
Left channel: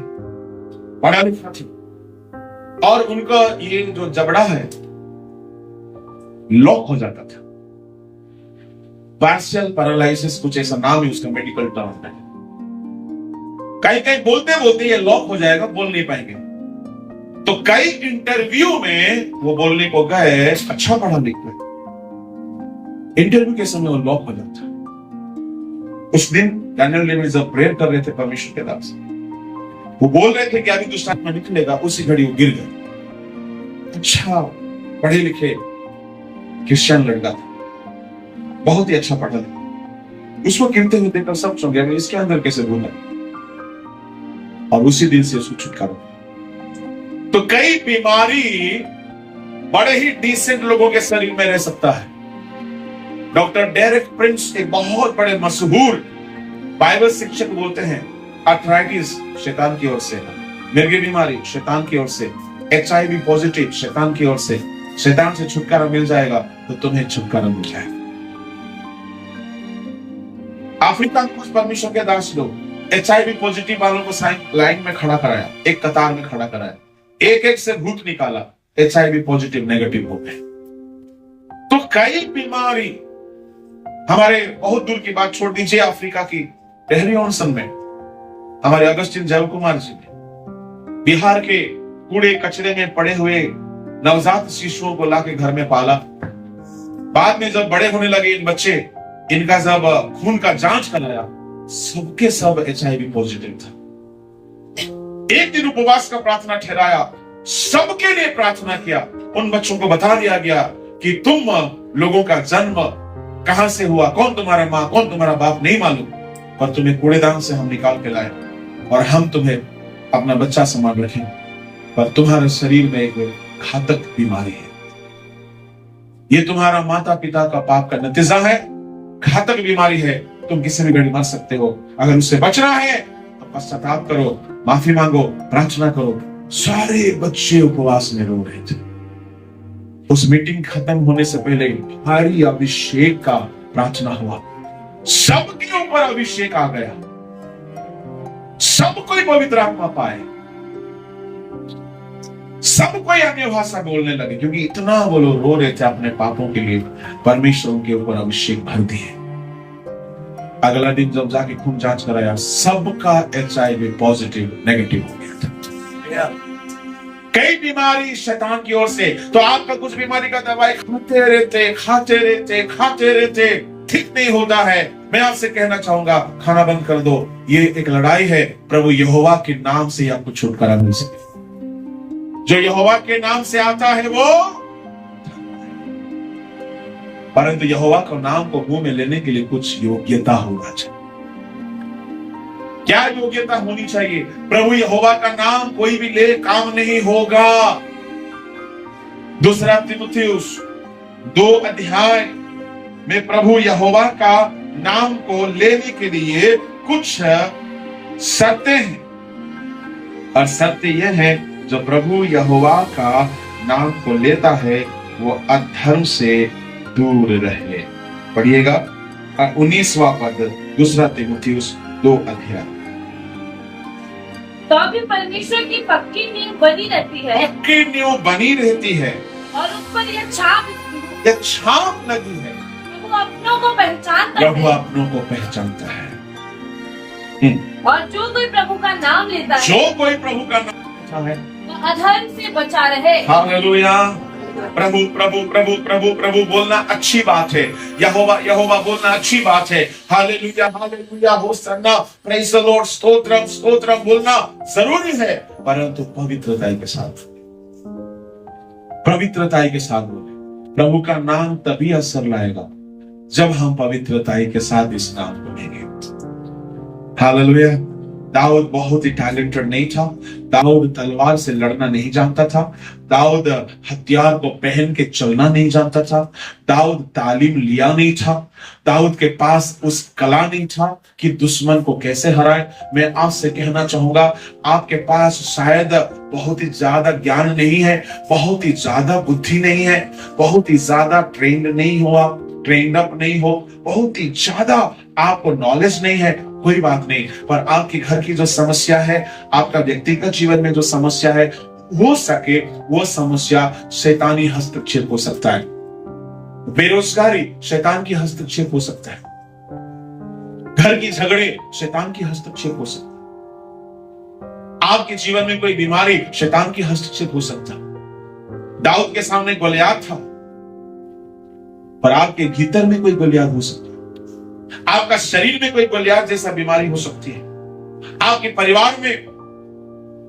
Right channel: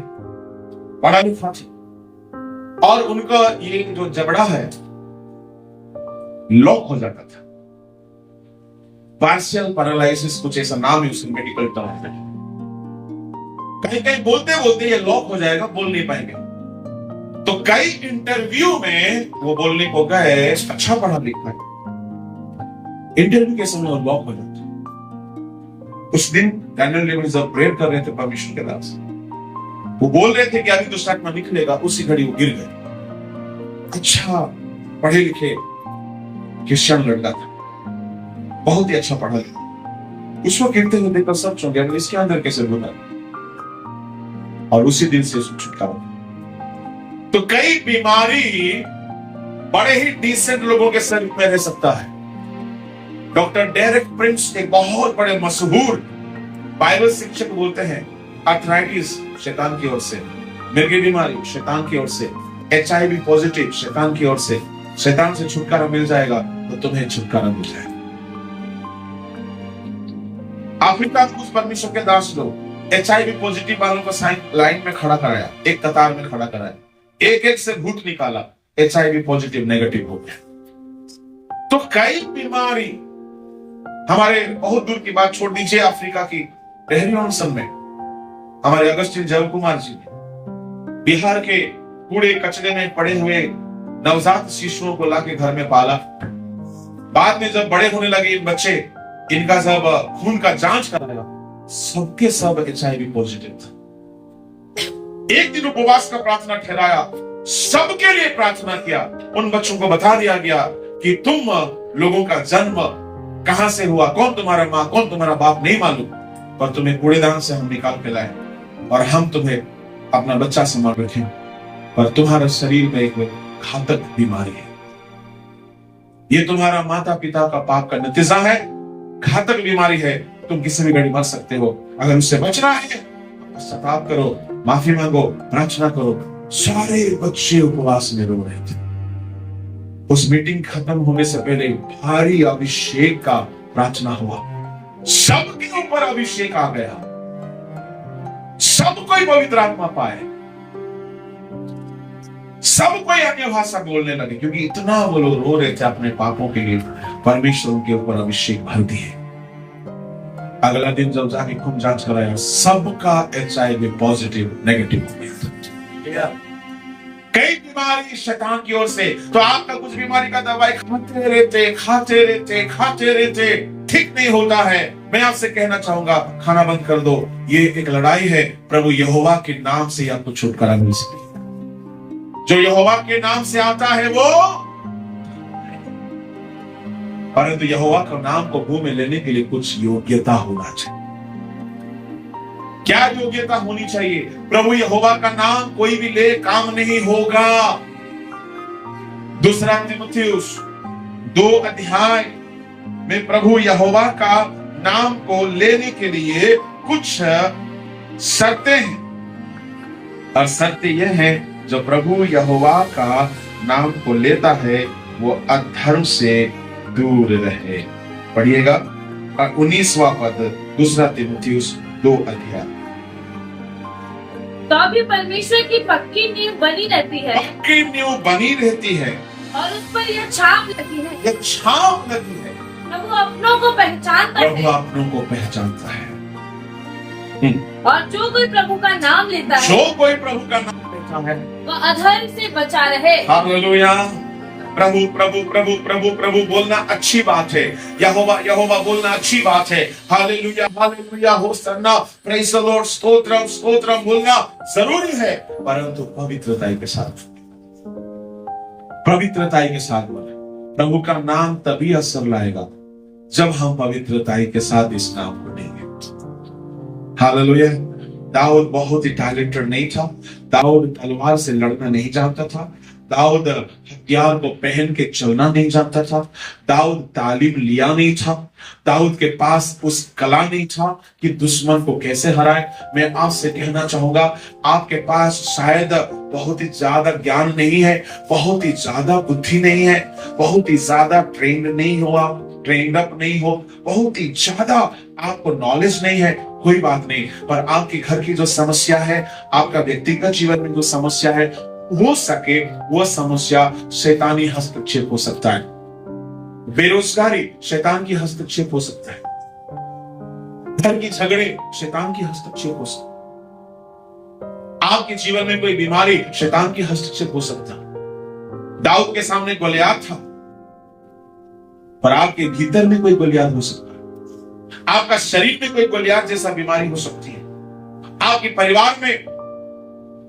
पढ़ा लिखा थे, और उनका ये जो जबड़ा है लॉक हो जाता था। पार्शियल पैरालिसिस, कुछ ऐसा नाम है उसका मेडिकल टर्म में। कहीं कहीं बोलते बोलते ये लॉक हो जाएगा, बोल नहीं पाएंगे। तो कई इंटरव्यू में वो बोलने को गए, अच्छा पढ़ा लिखा है, इंटरव्यू के समय वो लॉक हो जाता है। उस दिन डैनियल डेविड जब प्रेयर कर रहे थे परमेश्वर के दास, वो बोल रहे थे कि अभी दुष्ट आत्मा निकलेगा, उसी घड़ी वो गिर गया। अच्छा पढ़े लिखे क्रिश्चियन लड़का था, बहुत ही अच्छा पढ़ा लिखा। उसको गिरते हुए देखकर सब चौंक गए, इसके अंदर कैसे भूला। और उसी दिन से उसको छुटकारा। तो कई बीमारी बड़े ही डिसेंट लोगों के शरीर में रह सकता है। डॉक्टर डेरेक प्रिंस एक बहुत बड़े मशहूर बाइबल शिक्षक बोलते हैं, आर्थराइटिस शैतान की ओर से, मिर्गी बीमारी शैतान की ओर से, HIV पॉजिटिव शैतान की ओर से। शैतान से छुटकारा मिल जाएगा तो तुम्हें छुटकारा मिल जाएगा। अफ्रीका में कुछ परमेश्वर के दास लोग HIV पॉजिटिव वालों को लाइन में खड़ा कराया, एक कतार में खड़ा कराया, एक एक से भूत निकाला, HIV पॉजिटिव नेगेटिव हो गए। तो कई बीमारी, हमारे बहुत दूर की बात छोड़ दीजिए, अफ्रीका की टहरी ऑनसन में हमारे अगस्टिन जय कुमार जी ने बिहार के कूड़े कचरे में पड़े हुए नवजात शिशुओं को लाके घर में पाला। बाद में जब बड़े होने लगे इन बच्चे, इनका जब खून का जांच कराया, सबके सब HIV पॉजिटिव था। एक दिन उपवास का प्रार्थना ठहराया, सबके लिए प्रार्थना किया। उन बच्चों को बता दिया गया कि तुम लोगों का जन्म कहां से हुआ, कौन तुम्हारा माँ कौन तुम्हारा बाप नहीं मालूम, पर तुम्हें कूड़ेदान से हम निकाल के लाए और हम तुम्हें अपना बच्चा संभाल रखे, पर तुम्हारे शरीर में एक घातक बीमारी है। ये तुम्हारा माता पिता का पाप का नतीजा है, घातक बीमारी है, तुम किसी भी घड़ी मर सकते हो। अगर उससे बचना है तो पश्चाताप करो, माफी मांगो, प्रार्थना करो। सारे बच्चे उपवास में रो रहे थे। उस मीटिंग खत्म होने से पहले भारी अभिषेक का प्रार्थना हुआ, सबके ऊपर अभिषेक आ गया, सब कोई पवित्र आत्मा पाए। सब कोई अन्य भाषा बोलने लगे, क्योंकि इतना वो लोग रो रहे थे अपने पापों के लिए। परमेश्वर उनके ऊपर अभिषेक भर दिए। अगला दिन जब जाके खून जांच कराया, सबका HIV पॉजिटिव नेगेटिव हो गया था। कई बीमारी शैतान की ओर से, तो आपका कुछ बीमारी का दवाई खाते रहते ठीक नहीं होता है। मैं आपसे कहना चाहूंगा, खाना बंद कर दो। ये एक लड़ाई है। प्रभु यहोवा के नाम से आपको छुटकारा मिल सके। जो यहोवा के नाम से आता है वो, परंतु यहोवा के नाम को मुंह में लेने के लिए कुछ योग्यता होना चाहिए। क्या योग्यता होनी चाहिए? प्रभु यहोवा का नाम कोई भी ले काम नहीं होगा। 2 तीमुथियुस 2 अध्याय में प्रभु यहोवा का नाम को लेने के लिए कुछ शर्तें हैं, और शर्तें यह है, जो प्रभु यहोवा का नाम को लेता है वो अधर्म से दूर रहे। पढ़िएगा 19वां पद 2 तीमुथियुस 2 अध्याय। तो भी परमेश्वर की पक्की नींव बनी रहती है, पक्की नींव बनी रहती है, और उस पर यह छाप लगी है। यह छाप लगी है। प्रभु अपनों को पहचानता प्रभु है, अपनों को पहचानता है। और जो कोई प्रभु का नाम लेता है, जो कोई प्रभु का नाम लेता है, वो अधर्म से बचा रहे। हालेलुया। प्रभु प्रभु प्रभु प्रभु प्रभु बोलना अच्छी बात है। यहोवा यहोवा बोलना अच्छी बात है। Hallelujah hallelujah, Hosanna, praise the Lord, stotram stotram बोलना जरूरी है, परंतु पवित्रता के साथ, पवित्रता के साथ बोले। प्रभु का नाम तभी असर लाएगा जब हम पवित्रता के साथ इस नाम को लेंगे। हालेलुया। दाऊद बहुत ही टैलेंटेड नहीं था। दाऊद तलवार से लड़ना नहीं जानता था। दाऊद हथियार को पहन के चलना नहीं जानता था। दाऊद तालीम लिया नहीं था। दाऊद के पास उस कला नहीं था कि दुश्मन को कैसे हराए। मैं आपसे कहना चाहूंगा, आपके पास शायद बहुत ही ज्यादा ज्ञान नहीं है, बहुत ही ज्यादा बुद्धि नहीं है, बहुत ही ज्यादा ट्रेंड नहीं हो, आप ट्रेंड अप नहीं हो, बहुत ही ज्यादा आपको नॉलेज नहीं है, कोई बात नहीं। पर आपके घर की जो समस्या है, आपका व्यक्तिगत जीवन में जो समस्या है, हो सके वो समस्या शैतानी हस्तक्षेप हो सकता है। बेरोजगारी शैतान की हस्तक्षेप हो सकता है। घर की झगड़े शैतान की हस्तक्षेप हो सकता है। आपके जीवन में कोई बीमारी शैतान की हस्तक्षेप हो सकता है। दाऊद के सामने गोलियात था, पर आपके भीतर में कोई गोलियात हो सकता है। आपका शरीर में कोई गोलियात जैसा बीमारी हो सकती है। आपके परिवार में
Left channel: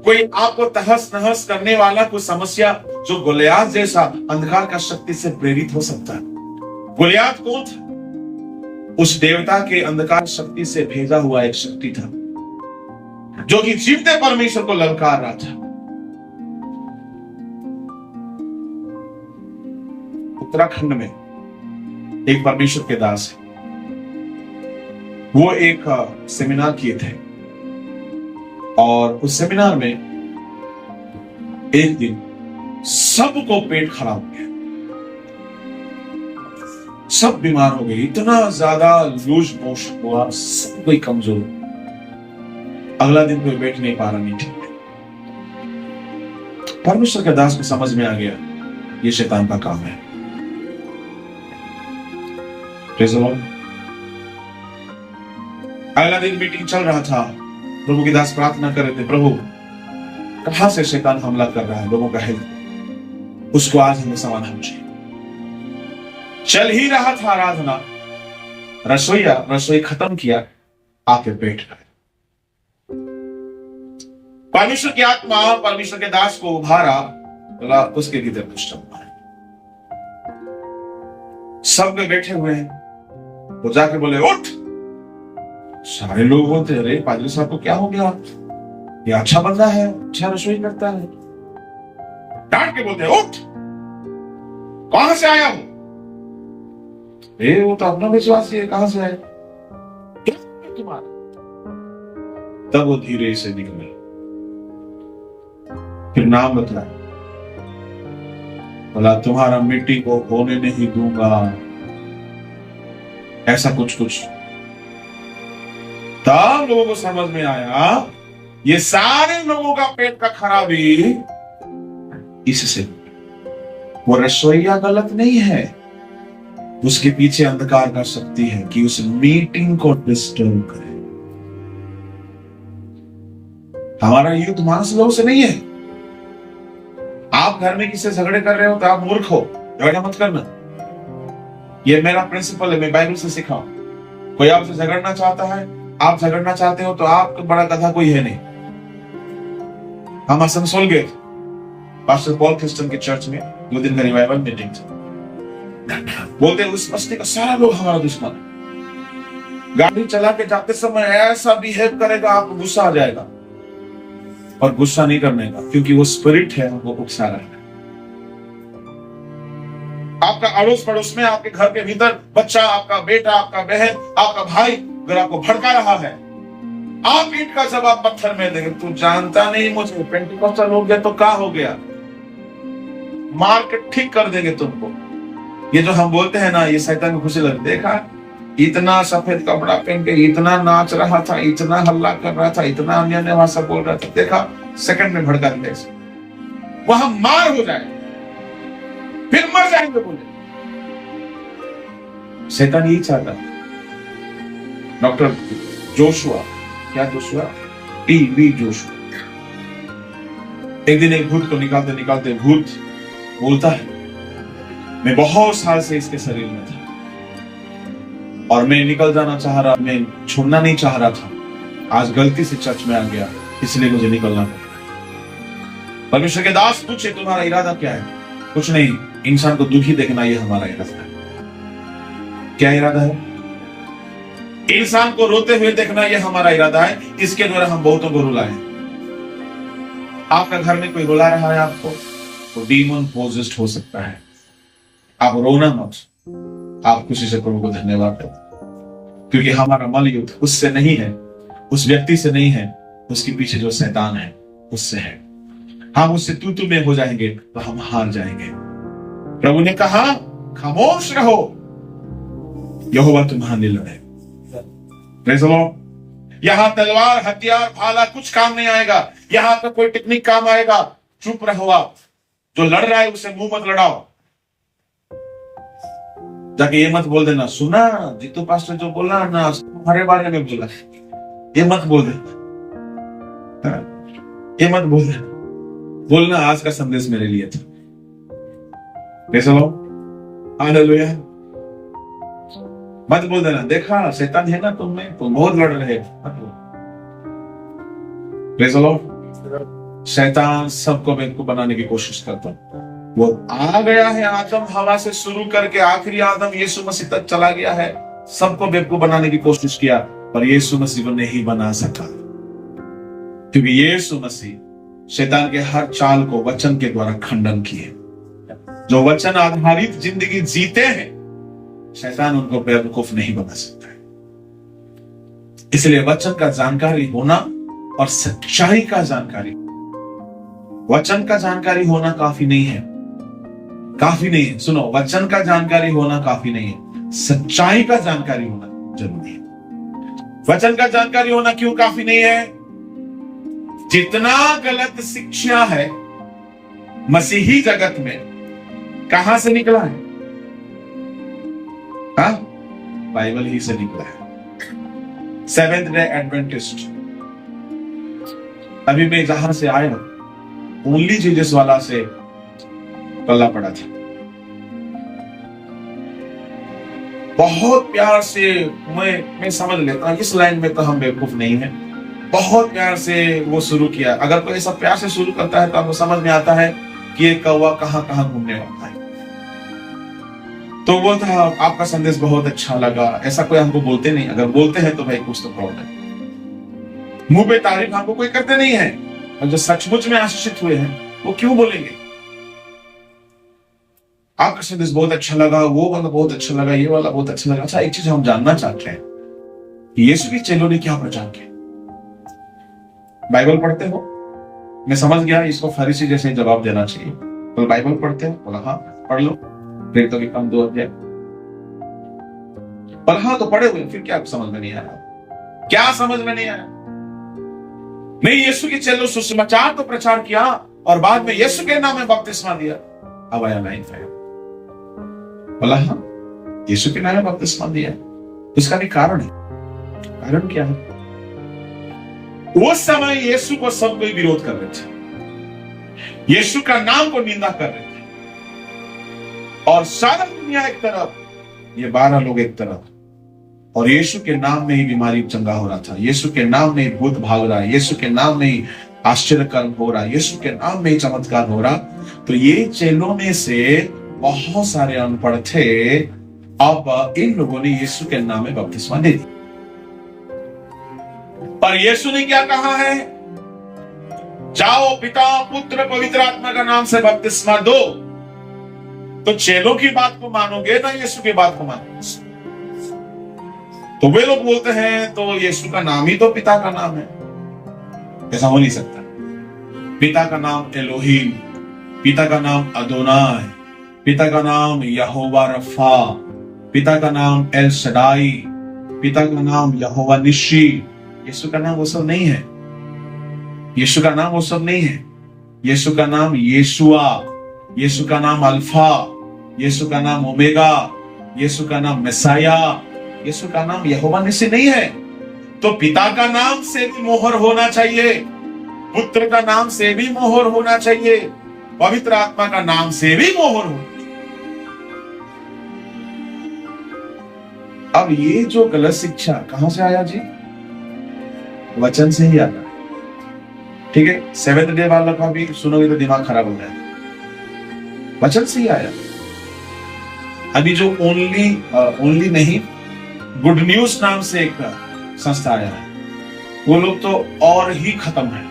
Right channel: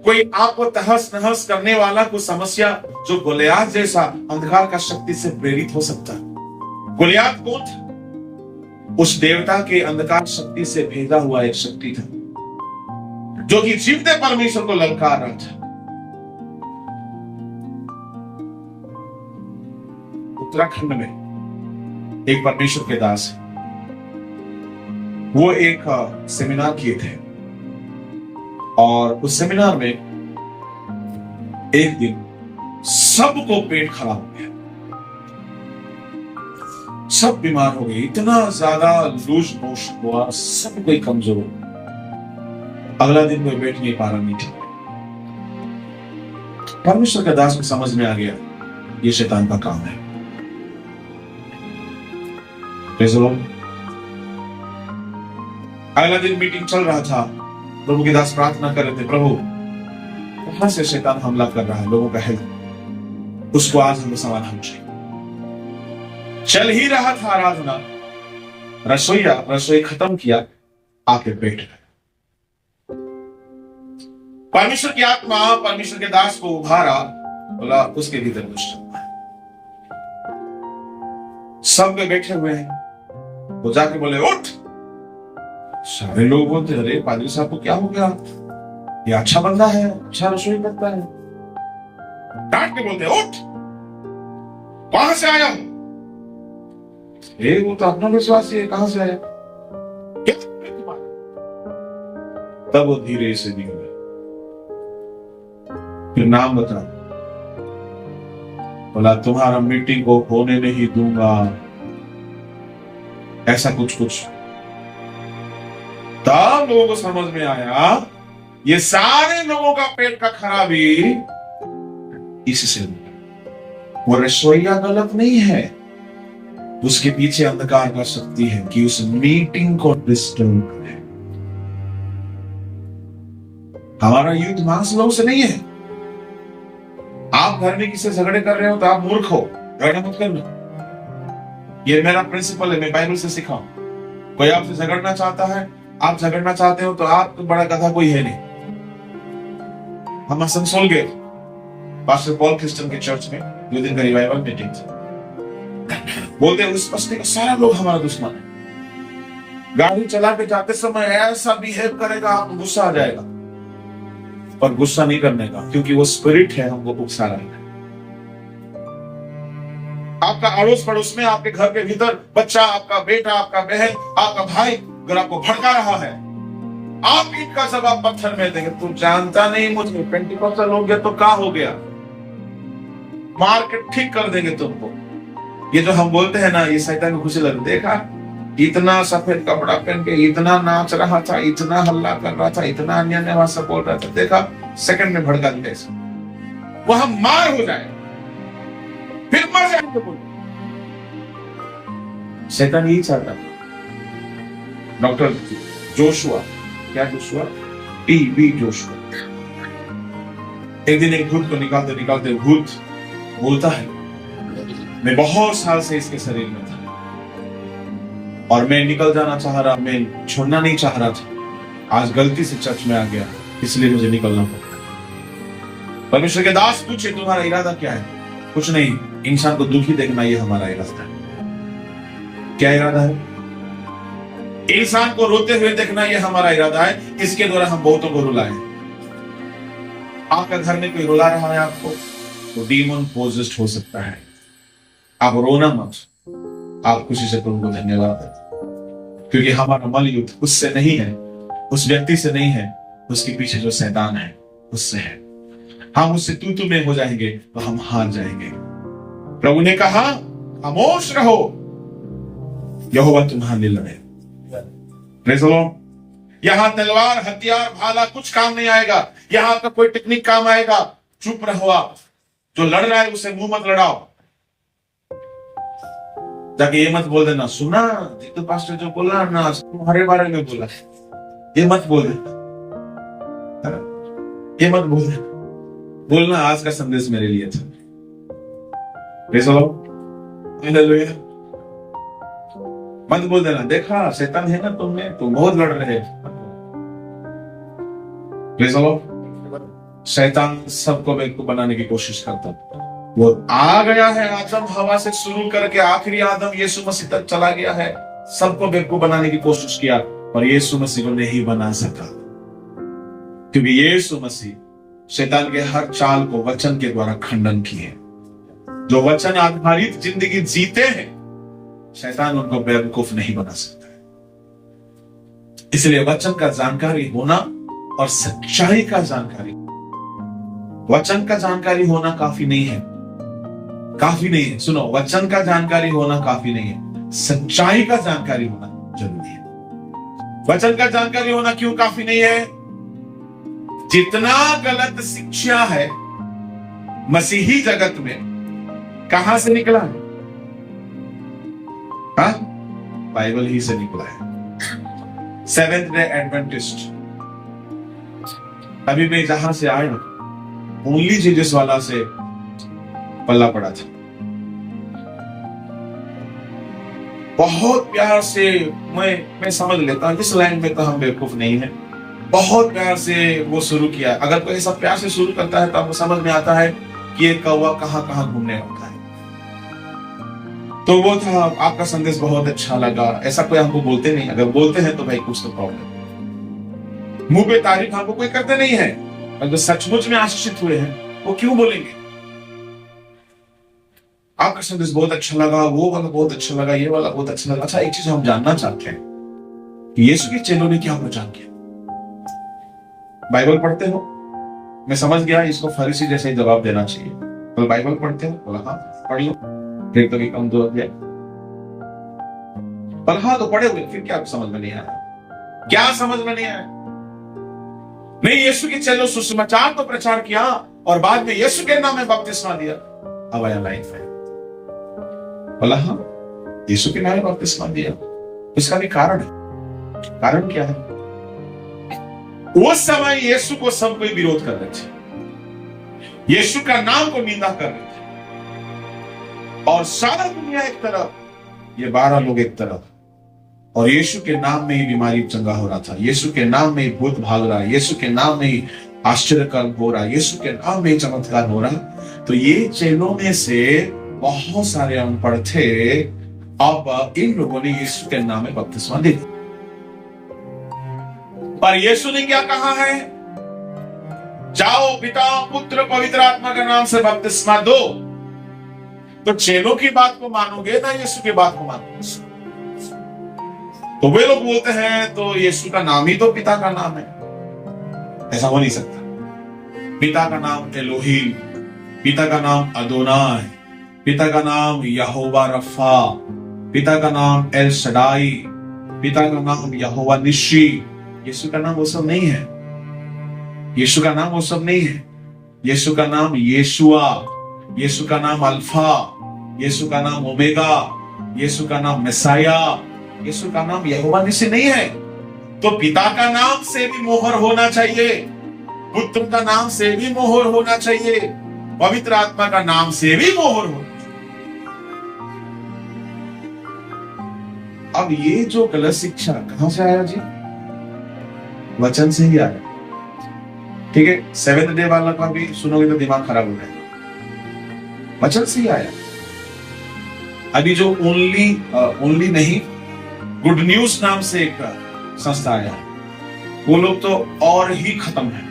कोई आपको तहस नहस करने वाला कोई समस्या, जो गोलियात जैसा अंधकार का शक्ति से प्रेरित हो सकता है। गोलियात कौन था? उस देवता के अंधकार शक्ति से भेजा हुआ एक शक्ति था, जो कि जीवते परमेश्वर को ललकार रहा था। उत्तराखंड में एक परमेश्वर के दास है, वो एक सेमिनार किए थे, और उस सेमिनार में एक दिन सबको पेट खराब हो गया, सब बीमार हो गए, इतना ज्यादा लूज मोशन हुआ, सब कोई कमजोर हो। अगला दिन कोई बैठ नहीं पा रहा मीटिंग में। परमेश्वर के दास को समझ में आ गया ये शैतान का काम है। अगला दिन मीटिंग चल रहा था, प्रभु के दास प्रार्थना कर रहे थे, प्रभु कहां से शैतान हमला कर रहा है लोगों का हेल्थ, उसको आज हमें समाधान चाहिए। चल ही रहा था आराधना, रसोई खत्म किया, आके बैठ गए। परमेश्वर की आत्मा परमेश्वर के दास को उभारा, बोला उसके भीतर दुष्ट आत्मा है। सब में बैठे हुए हैं, वो जाके बोले उठ। सारे लोग बोलते, अरे पादरी साहब को क्या हो गया, ये अच्छा बंदा है, अच्छा रसोई करता है। डांट के बोलते उठ, कहां से आया हूं? वो तो अपना विश्वासी है, कहां से आया, क्या तुम्हारा? तब वो धीरे से निकले, फिर नाम बताया, बोला तुम्हारा मिट्टी को होने नहीं दूंगा, ऐसा कुछ कुछ। तब लोगों को समझ में आया ये सारे लोगों का पेट का खराबी इससे वो रसोईया गलत नहीं है, उसके पीछे अंधकार का शक्ति है कि उस मीटिंग को डिस्टर्ब करे। हमारा युद्ध मांस लोगों से नहीं है। आप घर में किसी से झगड़े कर रहे हो तो आप मूर्ख हो, झगड़ा मत करना। ये मेरा प्रिंसिपल है, मैं बाइबल से सीखा हूं। कोई आपसे झगड़ना चाहता है, आप झगड़ना चाहते हो तो आपको बड़ा गधा कोई है नहीं। हम असनसोल गए पास्टर पॉल क्रिस्टन के चर्च में 2 दिन का रिवाइवल मीटिंग थी। बोलते उस बस्ती का सारा लोग हमारा दुश्मन है। गाड़ी चला के जाते समय ऐसा बिहेव करेगा, आपको गुस्सा आ जाएगा, पर गुस्सा नहीं करने का, क्योंकि वो स्पिरिट है हमको उकसा रहा है। आपका अड़ोस पड़ोस में, आपके घर के भीतर बच्चा, आपका बेटा, आपका बहन, आपका भाई अगर आपको भड़का रहा है, आप ईंट का जवाब पत्थर में देंगे। तू जानता नहीं मुझे, पेंटिकॉस्टल हो गया तो क्या हो गया, मार के ठीक कर देंगे तुमको। ये जो हम बोलते हैं ना, ये शैतान को खुशी लगती। देखा इतना सफेद कपड़ा पहन के इतना नाच रहा था, इतना हल्ला कर रहा था, इतना अन्य अन्य भाषा बोल रहा था, देखा सेकंड में भड़का दिया, वहां मार हो जाए, फिर मर जाएंगे बोले। शैतान यही चाहता। डॉक्टर जोशुआ, क्या जोशुआ, टी.बी. जोशुआ, एक दिन एक भूत को निकालते निकालते भूत बोलता है, मैं बहुत साल से इसके शरीर में था और मैं निकल जाना चाह रहा, मैं छोड़ना नहीं चाह रहा था। आज गलती से चर्च में आ गया, इसलिए मुझे निकलना पड़ा। परमेश्वर के दास पूछे, तुम्हारा इरादा क्या है? कुछ नहीं, इंसान को दुखी देखना, ये हमारा इरादा है। क्या इरादा है? इंसान को रोते हुए देखना, ये हमारा इरादा है। इसके द्वारा हम बहुतों को रुलाएं। आपका घर में कोई रुला रहा है आपको, तो डीमन पोजेस्ड हो सकता है। आप रोना मत, आप खुशी से प्रभु को धन्यवाद दें, क्योंकि हमारा मल युद्ध उससे नहीं है, उस व्यक्ति से नहीं है, उसके पीछे जो शैतान है उससे है। हम उससे तू में हो जाएंगे तो हम हार जाएंगे। प्रभु ने कहा खामोश रहो, यहोवा तुम्हारे लड़े। Praise the Lord. यहां तलवार, हथियार, भाला कुछ काम नहीं आएगा। यहां का कोई टेक्निक काम आएगा। चुप रहो। आप जो लड़ रहा है उसे मुंह मत लड़ाओ। जाके ये मत बोल देना, सुना जीतू पास्टर जो बोला ना तुम्हारे बारे में बोला, ये मत बोल देना, ये मत बोल देना। बोलना आज का संदेश मेरे लिए था। हालेलुया। मत बोल देना, देखा शैतान है ना तुम में, तुम बहुत लड़ रहे हो, मत बोल। शैतान सबको बेवकूफ बनाने की कोशिश करता। वो आ गया है आदम हवा से शुरू करके आखिरी आदम यीशु मसीह तक चला गया है। सबको बेवकूफ बनाने की कोशिश किया, पर यीशु मसीह को नहीं बना सका, क्योंकि यीशु मसीह शैतान के हर चाल को वचन के द्वारा खंडन किए। जो वचन आधारित जिंदगी जीते हैं, शैतान उनको बेवकूफ नहीं बना सकता है। इसलिए वचन का जानकारी होना और सच्चाई का जानकारी, वचन का जानकारी होना काफी नहीं है, काफी नहीं है। सुनो, वचन का जानकारी होना काफी नहीं है, सच्चाई का जानकारी होना जरूरी है। वचन का जानकारी होना क्यों काफी नहीं है? जितना गलत शिक्षा है मसीही जगत में, कहां से निकला है? हाँ, बाइबल ही से निकला है। सेवेंथ डे एडवेंटिस्ट, अभी मैं जहां से आया ओनली जीसस वाला से पल्ला पड़ा था। बहुत प्यार से मैं समझ लेता हूं इस लाइन में तो हम बेवकूफ नहीं है। बहुत प्यार से वो शुरू किया। अगर कोई ऐसा प्यार से शुरू करता है तो आपको समझ में आता है कि ये कौवा कहां कहां घूमने आता है। तो वो था, आपका संदेश बहुत अच्छा लगा। ऐसा कोई हमको बोलते नहीं, अगर बोलते हैं तो भाई कुछ तो प्रॉब्लम। मुंह पे तारीफ हमको कोई करते नहीं है, और जो सचमुच में आशीषित हुए हैं वो क्यों बोलेंगे? आपका संदेश बहुत अच्छा लगा, वो वाला बहुत अच्छा लगा, ये वाला बहुत अच्छा लगा। अच्छा, एक चीज हम जानना चाहते हैं, यीशु के चेलों ने क्या पहचान किया? बाइबल पढ़ते हो? मैं समझ गया इसको फरीसी जैसे जवाब देना चाहिए। तो बाइबल पढ़ते हो? बोला हाँ पढ़ लो। फिर तो कम 2 अध्याय। बोला हाँ तो पढ़े हुए, फिर क्या समझ में नहीं आया? क्या समझ में नहीं आया? नहीं, यीशु के चेलों सुसमाचार तो प्रचार किया, और बाद में यीशु के नाम में बपतिस्मा दिया, अब आया लाइफ है। बोला हाँ, यीशु के नाम में बपतिस्मा दिया, उसका भी कारण है। कारण क्या है? उस समय यीशु को सब कोई विरोध कर रहे थे, यीशु का नाम को निंदा कर रहे थे, और सारा दुनिया एक तरफ, ये 12 लोग एक तरफ, और यीशु के नाम में ही बीमारी चंगा हो रहा था, यीशु के नाम में ही भूत भाग रहा है, यीशु के नाम में ही आश्चर्य कर्म हो रहा, यीशु के नाम में ही चमत्कार हो रहा। तो ये चेलों में से बहुत सारे अनपढ़ थे, अब इन लोगों ने यीशु के नाम में बपतिस्मा दे दी। पर यीशु ने क्या कहा है? जाओ पिता पुत्र पवित्र आत्मा का नाम से बपतिस्मा दो। तो चेलों की बात को मानोगे ना यीशु की बात को मानोगे? तो वे लोग बोलते हैं तो यीशु का नाम ही तो पिता का नाम है। ऐसा हो नहीं सकता। पिता का नाम एलोहीम, पिता का नाम अदोनाय, पिता का नाम यहोवा रफा, पिता का नाम एल शडाई, पिता का नाम यहोवा निशी। यीशु का नाम वो सब नहीं है। यीशु का नाम वो सब नहीं है। यीशु का नाम यीशुआ, यीशु का नाम अल्फा, यीशु का नाम ओमेगा, यीशु का नाम मेसाया, यीशु का नाम यहोवा निसी नहीं है। तो पिता का नाम से भी मोहर होना चाहिए, पुत्र का नाम से भी मोहर होना चाहिए, पवित्र आत्मा का नाम से भी मोहर होना चाहिए। अब ये जो गलत शिक्षा कहां से आया जी? वचन से ही आया। ठीक है, 7th डे वाला का भी सुनोगे तो दिमाग खराब हो जाए। वचन से ही आया। अभी जो ओनली नहीं, गुड न्यूज नाम से एक संस्था आया है, वो लोग तो और ही खत्म है।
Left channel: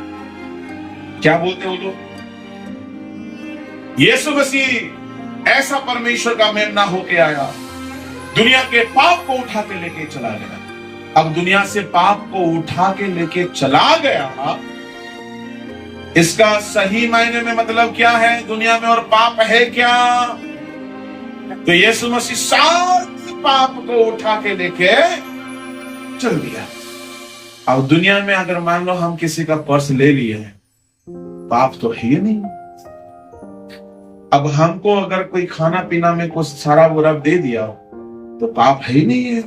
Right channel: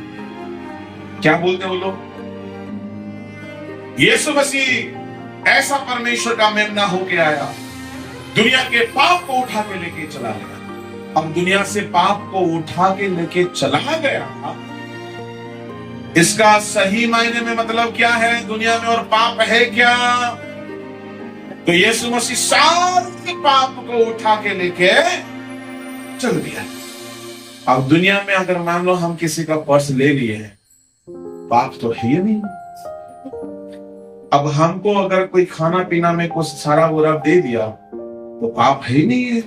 क्या बोलते वो लोग? यीशु मसीह ऐसा परमेश्वर का मेमना होके आया, दुनिया के पाप को उठा के लेके चला गया। अब दुनिया से पाप को उठा के लेके चला गया, इसका सही मायने में मतलब क्या है? दुनिया में और पाप है क्या? तो यीशु मसीह सारे पाप को उठा के लेके चल दिया। अब दुनिया में अगर मान लो हम किसी का पर्स ले लिए, पाप तो है ही नहीं। अब हमको अगर कोई खाना पीना में कुछ सारा बुरा दे दिया तो पाप है ही नहीं है।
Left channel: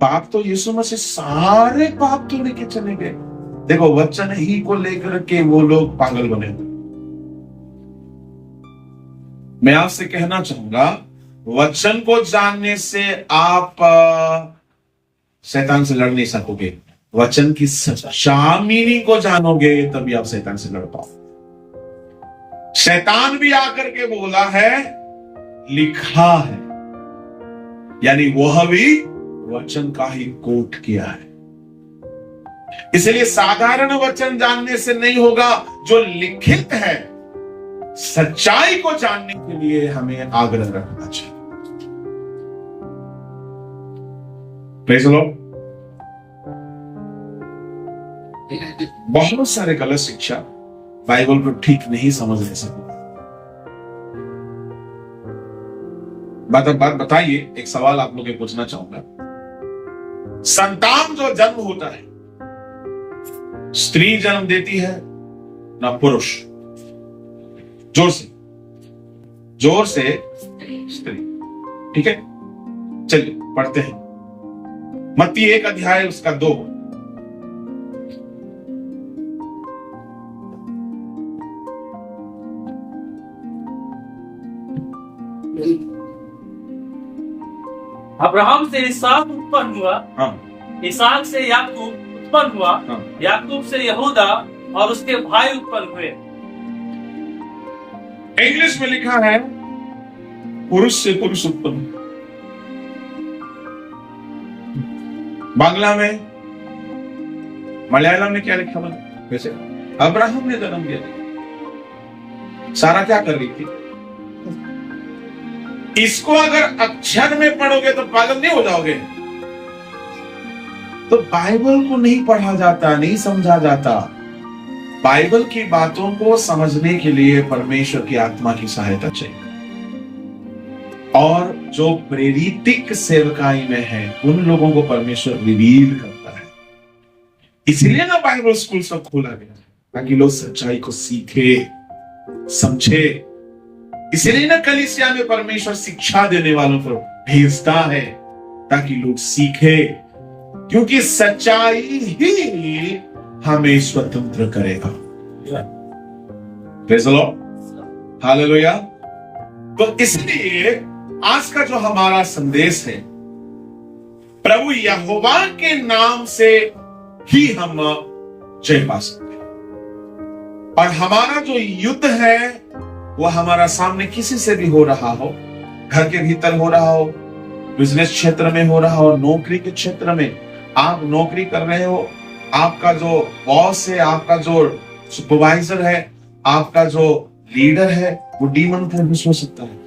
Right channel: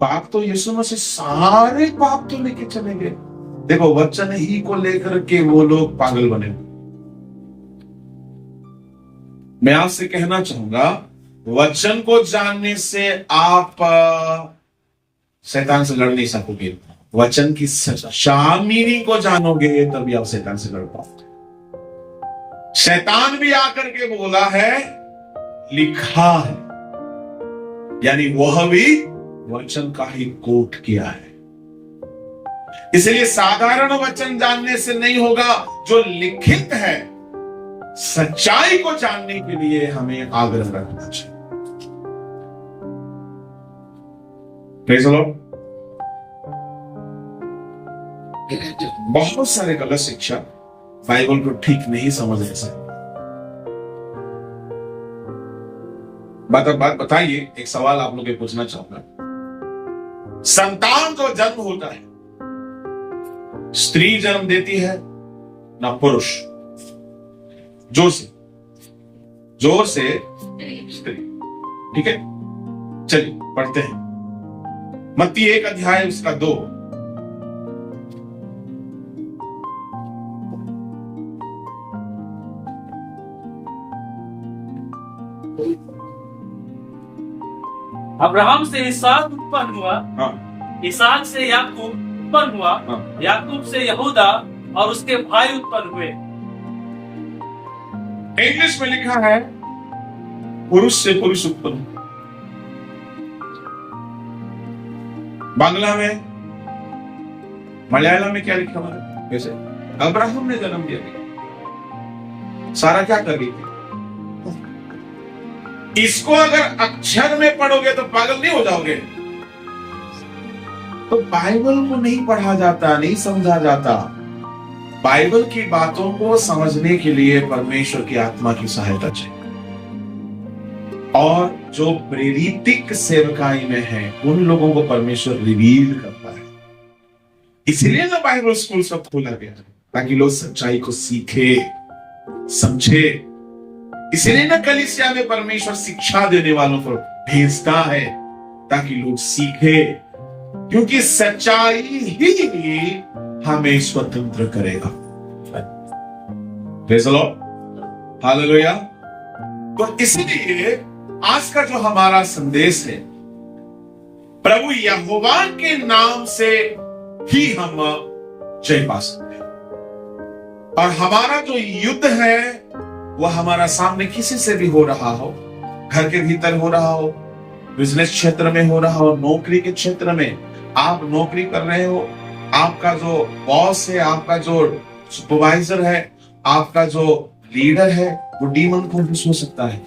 पाप तो यीशु मसीह सारे पाप तो लेके चले गए। देखो, वचन ही को लेकर के वो लोग पागल बने हुए। मैं आपसे कहना चाहूंगा, वचन को जानने से आप शैतान से लड़ नहीं सकोगे। वचन की शामिनी को जानोगे तभी आप शैतान से लड़ पाओगे। शैतान भी आकर के बोला है लिखा है, यानी वह भी वचन का ही कोट किया है। इसलिए साधारण वचन जानने से नहीं होगा, जो लिखित है सच्चाई को जानने के लिए हमें आग्रह रखना चाहिए। Praise the Lord. बहुत सारे गलत शिक्षा बाइबल को ठीक नहीं समझने से। बात बताइए, एक सवाल आप लोग पूछना चाहूंगा। संतान जो जन्म होता है, स्त्री जन्म देती है ना पुरुष? जोर से स्त्री। ठीक है, चलिए पढ़ते हैं मत्ती 1 अध्याय उसका 2। अब्राहम से इसहाक उत्पन्न हुआ, हाँ। इसहाक से याकूब उत्पन्न हुआ, हाँ। याकूब से यहूदा और उसके भाई उत्पन्न हुए। इंग्लिश में लिखा है पुरुष से पुरुष उत्पन्न। बांग्ला में, मलयालम में क्या लिखा हुआ है? वैसे अब्राहम ने जन्म दिया। सारा क्या कर रही थी? इसको अगर अक्षर में पढ़ोगे तो पागल नहीं हो जाओगे। तो बाइबल को नहीं पढ़ा जाता, नहीं समझा जाता। बाइबल की बातों को समझने के लिए परमेश्वर की आत्मा की सहायता चाहिए, और जो प्रेरितिक सेवकाई में है उन लोगों को परमेश्वर रिवील करता है। इसलिए ना बाइबल स्कूल सब खोला गया। ताकि लोग सच्चाई को सीखे, समझे। इसलिए ना कलीसिया में परमेश्वर शिक्षा देने वालों को भेजता है ताकि लोग सीखे, क्योंकि सच्चाई ही हमें स्वतंत्र करेगा। Praise the Lord, hallelujah. तो इसलिए आज का जो हमारा संदेश है, प्रभु यहोवा के नाम से ही हम जय पा सकते हैं। और हमारा जो युद्ध है वो हमारा सामने किसी से भी हो रहा हो, घर के भीतर हो रहा हो, बिजनेस क्षेत्र में हो रहा हो, नौकरी के क्षेत्र में आप नौकरी कर रहे हो, आपका जो बॉस है, आपका जो सुपरवाइजर है, आपका जो लीडर है, वो डीमन पॉसेस्ड हो सकता है,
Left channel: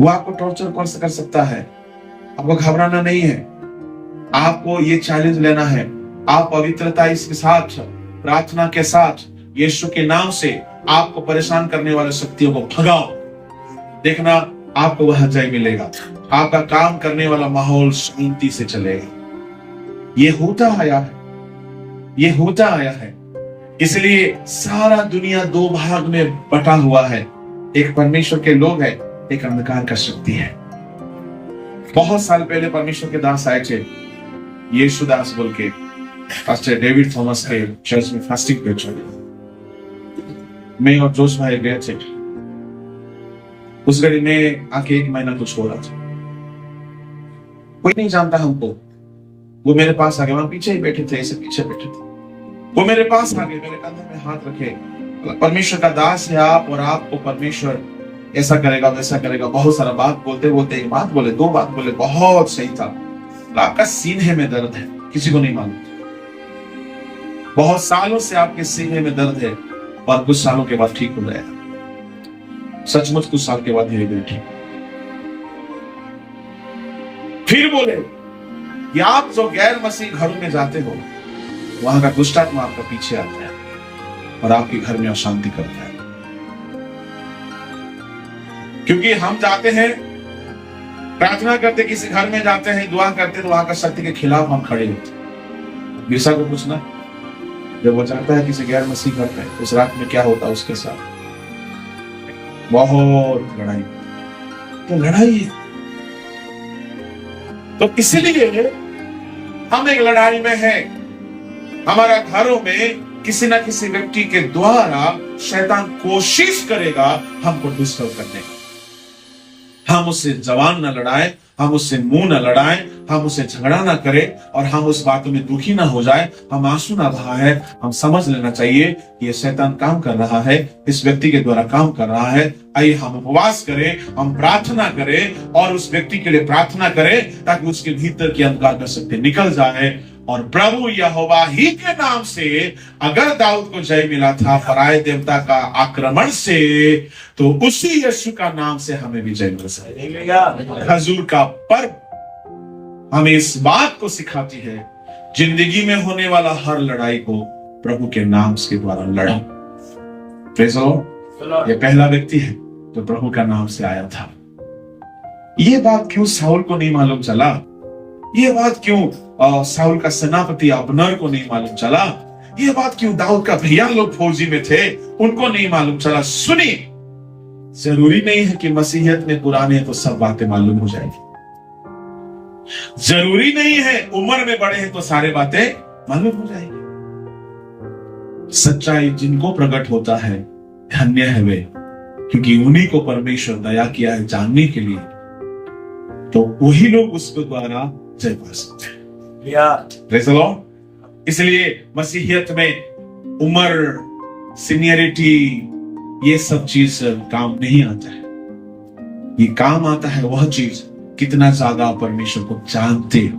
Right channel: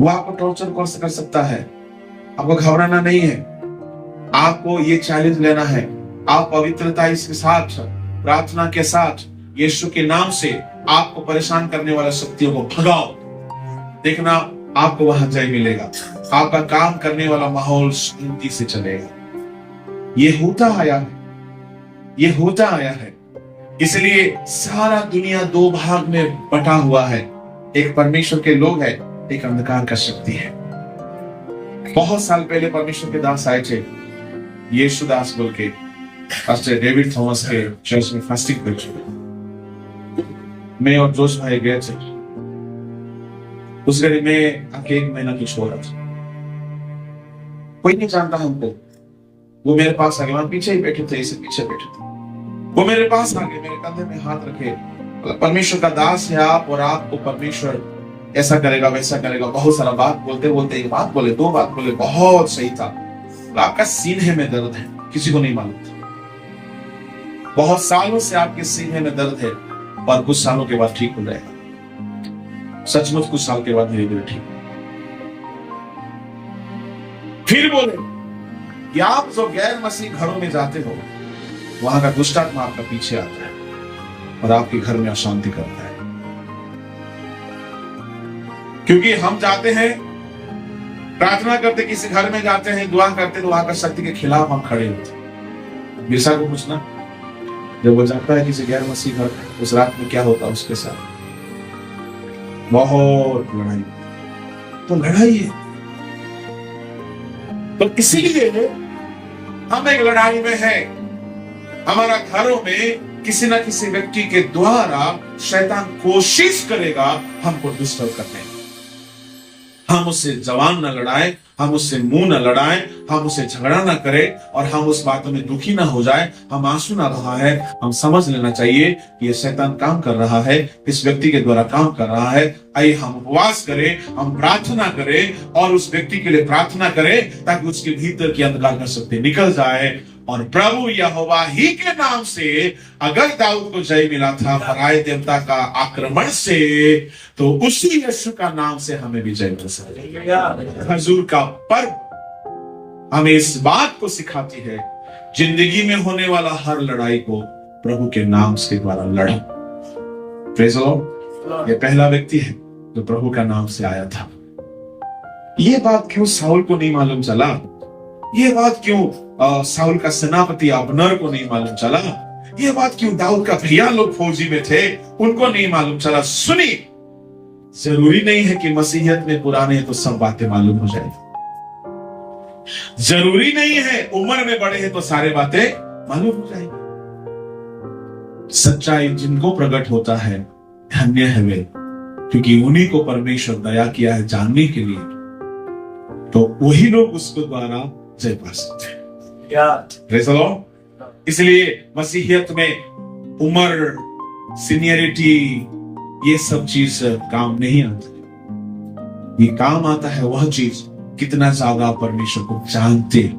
वो आपको टॉर्चर कर सकता है। आपको घबराना नहीं है, आपको ये चैलेंज लेना है। आप पवित्रता के साथ, प्रार्थना के साथ, यीशु के नाम से आपको परेशान करने वाले शक्तियों को भगाओ। देखना आपको वहां जय मिलेगा, आपका काम करने वाला माहौल शांति से चलेगा। ये होता आया है, ये होता आया है। इसलिए सारा दुनिया दो भाग में बटा हुआ है, एक परमेश्वर के लोग है, एक अंधकार का शक्ति है। बहुत साल पहले परमेश्वर के दास आए थे, यीशु दास बोल के, पास्टर डेविड थॉमस के चर्च में फास्टिंग पे चले। मैं और जोश भाई गए थे। उस घड़ी में आके 1 महीना कुछ हो रहा था, कोई नहीं जानता हमको। वो मेरे पास आ गए, वहां पीछे ही बैठे थे, ऐसे पीछे बैठे थे। वो मेरे पास आ गए, मेरे कंधे में हाथ रखे, परमेश्वर का दास है आप, और आपको परमेश्वर ऐसा करेगा वैसा करेगा। बहुत सारा बात बोलते बोलते एक बात बोले, 2 बात बोले, बहुत सही था। आपका सीने में दर्द है, किसी को नहीं मालूम था। बहुत सालों से आपके सीने में दर्द है, और कुछ सालों के बाद ठीक हो जाएगा। सचमुच कुछ साल के बाद धीरे धीरे ठीक। फिर बोले कि आप जो गैर मसीह घरों में जाते हो, वहां का दुष्ट आत्मा आपका पीछे आता है और आपके घर में अशांति करता है। क्योंकि हम जाते हैं, प्रार्थना करते, किसी घर में जाते हैं, दुआ करते, तो वहां का शक्ति के खिलाफ हम खड़े होते। बिरसा को पूछना, जब वो जाता है किसी गैर मसीह घर में, उस रात में क्या होता है उसके साथ? बहुत लड़ाई। तो लड़ाई है, तो इसलिए हम एक लड़ाई में है। हमारा घरों में किसी ना किसी व्यक्ति के द्वारा शैतान कोशिश करेगा हमको डिस्टर्ब करने की। हम उससे जबान न लड़ाए, हम उससे मुंह न लड़ाए, हम उससे झगड़ा ना करें, और हम उस बातों में दुखी ना हो जाए, हम आंसू ना बहाए। हम समझ लेना चाहिए कि ये शैतान काम कर रहा है, इस व्यक्ति के द्वारा काम कर रहा है। आइए हम उपवास करें, हम प्रार्थना करें, और उस व्यक्ति के लिए प्रार्थना करें ताकि उसके भीतर की अंधकार का शक्ति निकल जाए। और प्रभु यहोवा ही के नाम से अगर दाऊद को जय मिला था पराये देवता का आक्रमण से, तो उसी यीशु का नाम से हमें भी जय मिल सकेगा। खजूर का पर्व हमें इस बात को सिखाती है, जिंदगी में होने वाला हर लड़ाई को प्रभु के नाम के द्वारा लड़ा। Praise the Lord. ये पहला व्यक्ति है जो प्रभु का नाम से आया था। ये बात क्यों साउल को नहीं मालूम चला? ये बात क्यों साउल का सेनापति अब्नेर को नहीं मालूम चला? ये बात क्यों दाऊद का भैया लोग फौजी में थे, उनको नहीं मालूम चला? सुनी, जरूरी नहीं है कि मसीहियत में पुराने हैं तो सब बातें मालूम हो जाएगी। जरूरी नहीं है उम्र में बड़े हैं तो सारे बातें मालूम हो जाएगी। सच्चाई जिनको प्रकट होता है, धन्य है वे, क्योंकि उन्हीं को परमेश्वर दया किया है जानने के लिए। तो वही लोग उसके द्वारा जय पा सकते हैं। Praise the Lord. इसलिए मसीहियत में उम्र, सीनियरिटी, ये सब चीज काम नहीं आता है। ये काम आता है वह चीज, कितना ज्यादा आप परमेश्वर को जानते हो,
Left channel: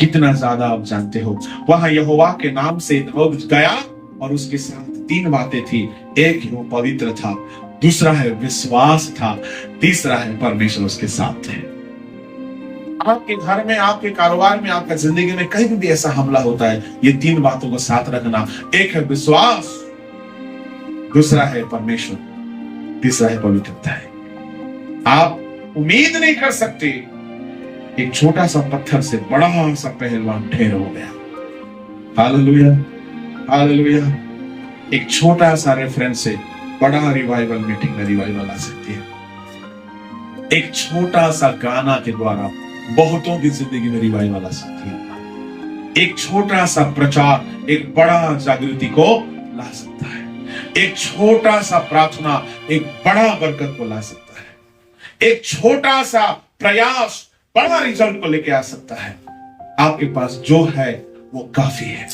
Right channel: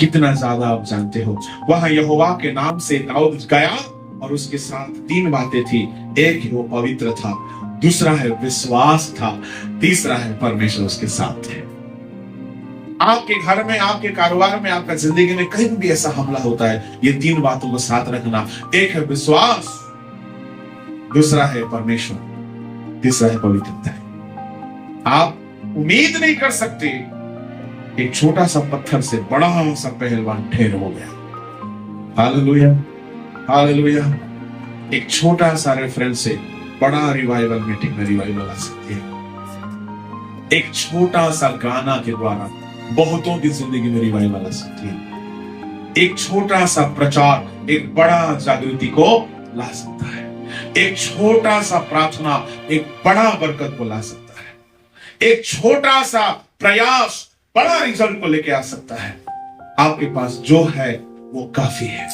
कितना ज्यादा आप जानते हो। वह यहोवा के नाम से दाऊद गया, और उसके साथ 3 बातें थी। एक वो पवित्र था, दूसरा है विश्वास था, तीसरा है परमेश्वर उसके साथ थे। आपके घर में, आपके कारोबार में, आपका जिंदगी में कहीं भी ऐसा हमला होता है, ये 3 बातों को साथ रखना। एक है विश्वास, दूसरा है परमेश्वर, तीसरा है पवित्रता है। आप उम्मीद नहीं कर सकते, एक छोटा सा पत्थर से बड़ा सा पहलवान ढेर हो गया। हालेलुया। हालेलुया। एक छोटा सा रेफरेंस से बड़ा रिवाइवल मीटिंग में रिवाइवल आ सकती है। एक छोटा सा गाना के द्वारा बहुतों की जिंदगी में रिवाइवल आ सकती है। एक छोटा सा प्रचार एक बड़ा जागृति को ला सकता है। एक छोटा सा प्रार्थना एक बड़ा बरकत को ला सकता है। एक छोटा सा प्रयास बड़ा रिजल्ट को लेके आ सकता है। आपके पास जो है वो काफी है।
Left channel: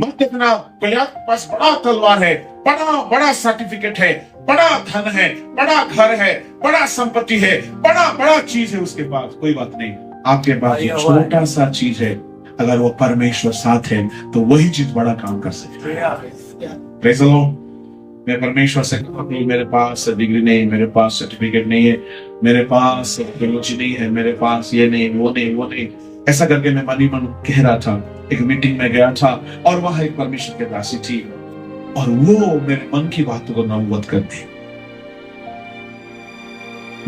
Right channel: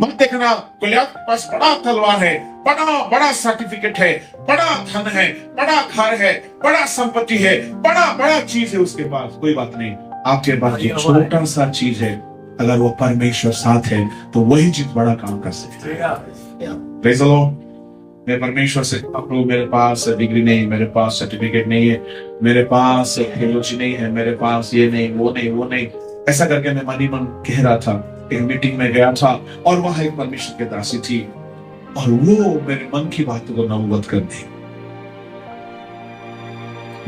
मत देखना गोलियत के पास बड़ा तलवार है, बड़ा बड़ा सर्टिफिकेट है, बड़ा धन है, बड़ा घर है, बड़ा संपत्ति है, बड़ा बड़ा चीज है उसके पास। कोई बात नहीं, आपके पास जो छोटा सा चीज है, अगर वो परमेश्वर साथ है तो वही चीज बड़ा काम कर सकती है। Praise the Lord. मैं परमेश्वर से कहूं, मेरे पास डिग्री नहीं, मेरे पास सर्टिफिकेट नहीं है, मेरे पास थियोलॉजी नहीं है, मेरे पास ये नहीं, वो नहीं, वो नहीं, ऐसा करके मैं मन ही मन कह रहा था। एक मीटिंग में गया था और वहां एक परमेश्वर की दासी थी और वो मेरे मन की बातों को नबूवत कर दी।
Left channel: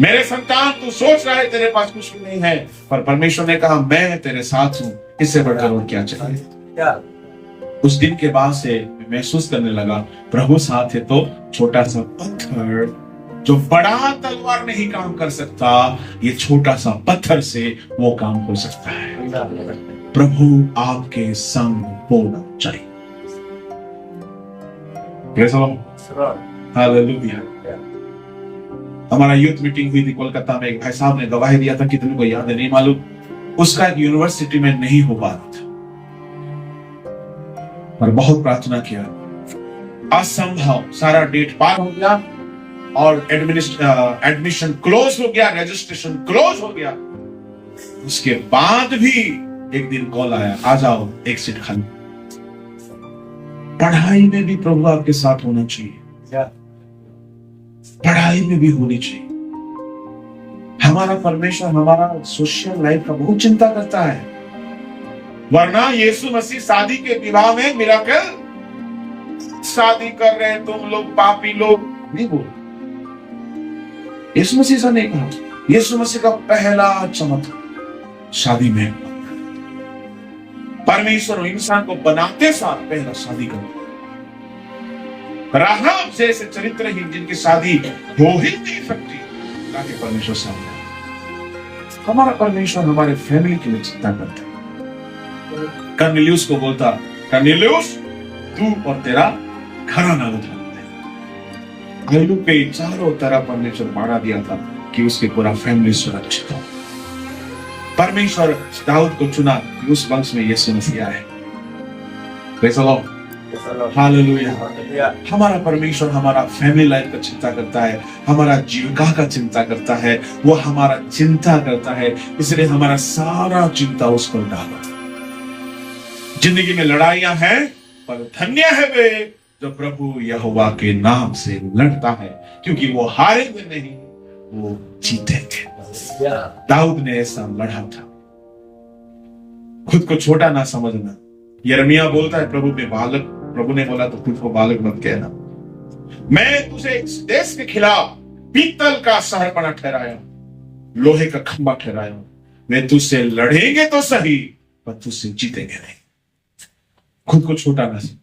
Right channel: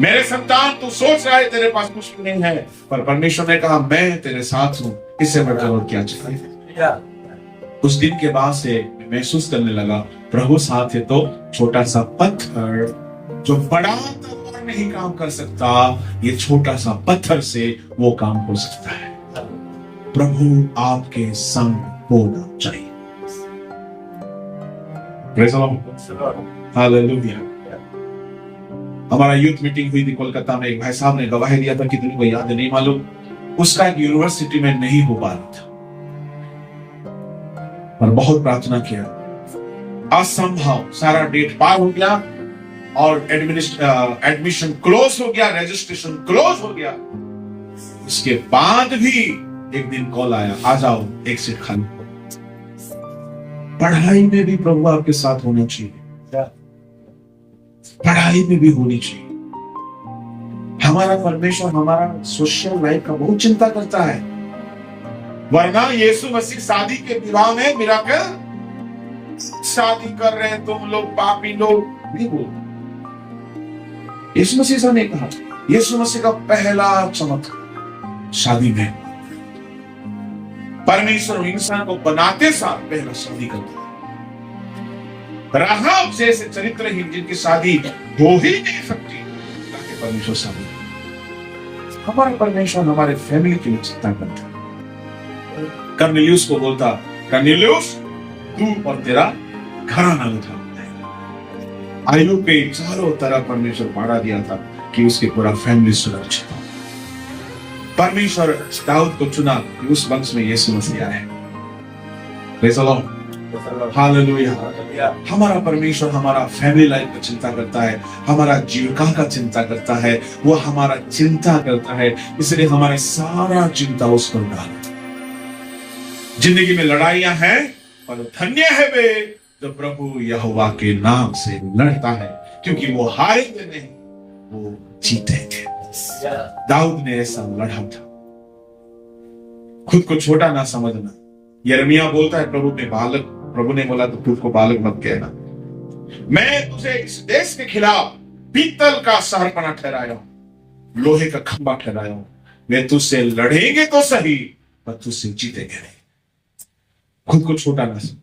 मेरे संतान, तू सोच रहा है तेरे पास कुछ भी नहीं है, पर परमेश्वर ने कहा मैं तेरे साथ हूं, इससे बढ़कर और क्या चाहिए। उस दिन के बाद से महसूस करने लगा प्रभु साथ है तो छोटा सा पत्थर जो बड़ा तलवार नहीं काम कर सकता, ये छोटा सा पत्थर से वो काम हो सकता है। प्रभु आपके संग होना चाहिए। Praise the Lord. हालेलुया। हमारा यूथ मीटिंग हुई थी कोलकाता में। एक भाई साहब ने गवाही दिया था, कितने को याद है नहीं मालूम, उसका एक यूनिवर्सिटी में नहीं हो पा रहा था, पर बहुत प्रार्थना किया, असंभव, सारा डेट पार हो गया और एडमिशन क्लोज हो गया, रजिस्ट्रेशन क्लोज हो गया। उसके बाद भी एक दिन कॉल आया, आ जाओ एक सीट खाली। पढ़ाई में भी प्रभु आपके साथ होना चाहिए, पढ़ाई में भी होनी चाहिए। हमारा परमेश्वर हमारा सोशल लाइफ का बहुत चिंता करता है, वरना यीशु मसीह शादी के विवाह में मिराकल, शादी कर रहे हैं तुम लोग पापी लोग नहीं बोल। यीशु मसीह से नहीं कहा। यीशु मसीह का पहला चमत्कार शादी में, परमेश्वर इंसान को बनाते साथ पहला शादी करता। राहाब जैसे चरित्रहीन जिनकी शादी हो ही नहीं सकती, ताकि परमेश्वर शादी। हमारा परमेश्वर हमारे फैमिली की चिंता करता है। कर्नेलियुस को बोलता, कर्नेलियुस तू और तेरा घराना उठा। आयु के चारों तरफ परमेश्वर बाड़ा दिया था कि उसके पूरा फैमिली सुरक्षित हो। परमेश्वर दाऊद को चुना कि उस वंश में यीशु मसीह आए। Praise the Lord. हालेलुया। हमारा परमेश्वर हमारा फैमिली लाइफ का चिंता करता है, हमारा जीविका का चिंता करता है, वो हमारा चिंता करता है, इसलिए हमारा सारा चिंता उस पर डालो। जिंदगी में लड़ाइयां हैं, पर धन्य है वे जो प्रभु यहोवा के नाम से लड़ता है, क्योंकि वो हारेंगे नहीं, वो जीतेंगे। दाऊद ने ऐसा लड़ा था। खुद को छोटा ना समझना। यिर्मयाह बोलता है प्रभु में बालक, प्रभु ने बोला तो खुद को बालक मत कहना। मैं तुझे इस देश के खिलाफ पीतल का शहरपना ठहराया हूं, लोहे का खंबा ठहराया हूं। मैं तुझसे लड़ेंगे तो सही, पर तुझसे जीतेंगे नहीं। खुद को छोटा ना समझ,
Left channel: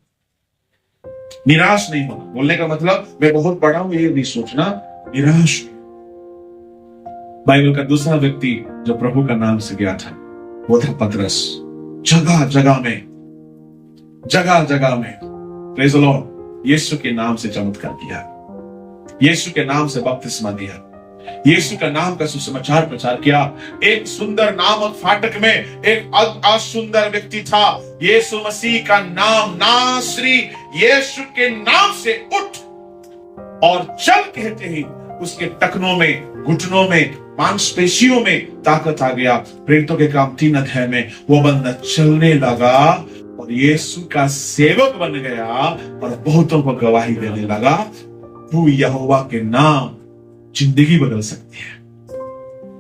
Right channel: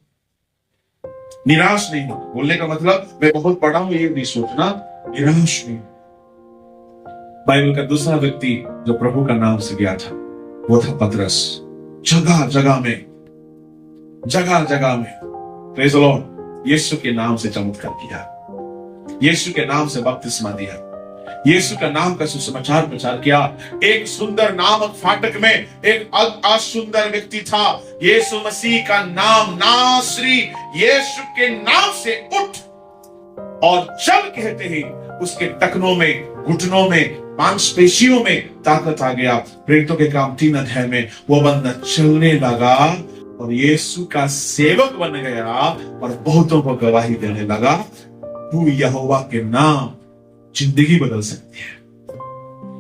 निराश नहीं हो। बोलने का मतलब मैं बहुत बड़ा हूं ये नहीं सोचना, निराश नहीं। बाइबल का दूसरा व्यक्ति जो प्रभु का नाम से गया था वो था पतरस। जगह जगह में प्रेज़ द लॉर्ड, यीशु के नाम से चमत्कार किया, यीशु के नाम से बपतिस्मा दिया, यीशु का नाम का सुसमाचार प्रचार किया। एक सुंदर नामक फाटक में एक असुंदर व्यक्ति था, यीशु मसीह का नाम नासरी, यीशु के नाम से उठ और चल कहते ही उसके टखनों में, घुटनों में, मांसपेशियों में ताकत आ गया। प्रेरितों के काम 3 अध्याय में वो बंदा चलने लगा और यीशु का सेवक बन गया और बहुतों को गवाही देने लगा। तू यहोवा के नाम जिंदगी बदल सकती है।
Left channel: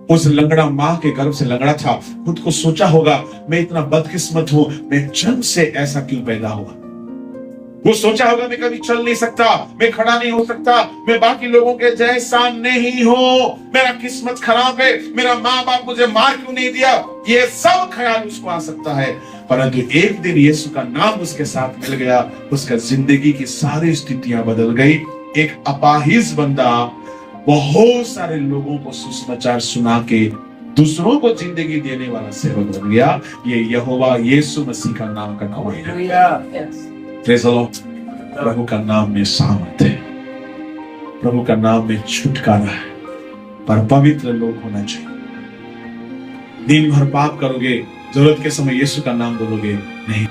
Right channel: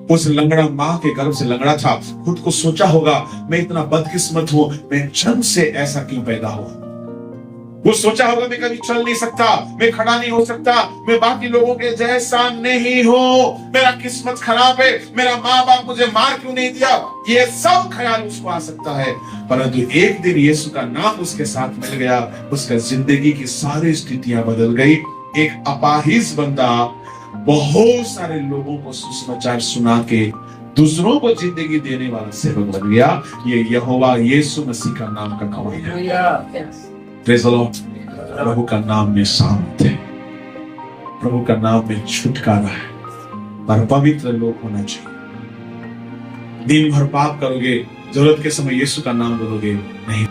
उस लंगड़ा मां के गर्भ से लंगड़ा था, खुद को सोचा होगा मैं इतना बदकिस्मत हूं, मैं जन्म से ऐसा क्यों पैदा हुआ। वो सोचा होगा मैं कभी चल नहीं सकता, मैं खड़ा नहीं हो सकता, मैं बाकी लोगों के जैसा नहीं हूं, मेरा किस्मत खराब है, मेरा माँ बाप मुझे मार क्यों नहीं दिया, ये सब ख्याल उसको आ सकता है। परंतु एक दिन यीशु का नाम उसके साथ मिल गया, उसका जिंदगी की सारी स्थितियां बदल गई। एक अपाहिज बंदा बहुत सारे लोगों को सुसमाचार सुना के दूसरों को जिंदगी देने वाला सेवक बन गया। ये यहोवा यीशु मसीह का नाम का नाम है। Praise the Lord। प्रभु का नाम में सामर्थ है, प्रभु का नाम में छुटकारा है, पर पवित्र लोग होना चाहिए। दिन भर पाप करोगे, जरूरत के समय यीशु का नाम बोलोगे नहीं।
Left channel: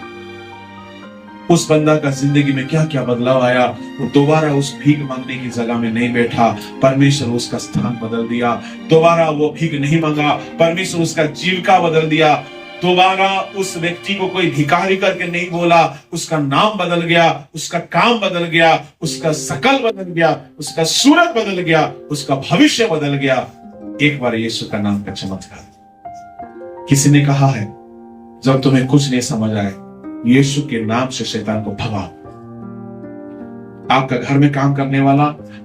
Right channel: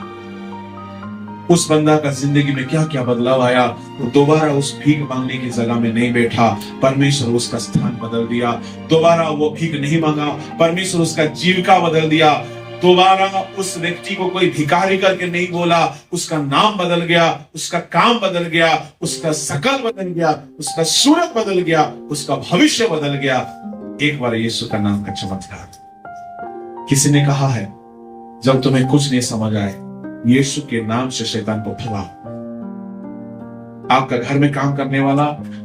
उस बंदा का जिंदगी में क्या क्या बदलाव आया। वो दोबारा उस भीख मांगने की जगह में नहीं बैठा, परमेश्वर उसका स्थान बदल दिया। दोबारा वो भीख नहीं मांगा, परमेश्वर उसका जीविका बदल दिया। दोबारा उस व्यक्ति को कोई भिखारी करके नहीं बोला, उसका नाम बदल गया, उसका काम बदल गया, उसका शकल बदल गया, उसका सूरत बदल गया, उसका भविष्य बदल गया। एक बार यीशु का नाम का चमत्कार। किसी ने कहा है, जब तुम्हें कुछ नहीं समझ आए, यीशु के नाम से शैतान को भगाओ। आपका घर में काम करने वाला,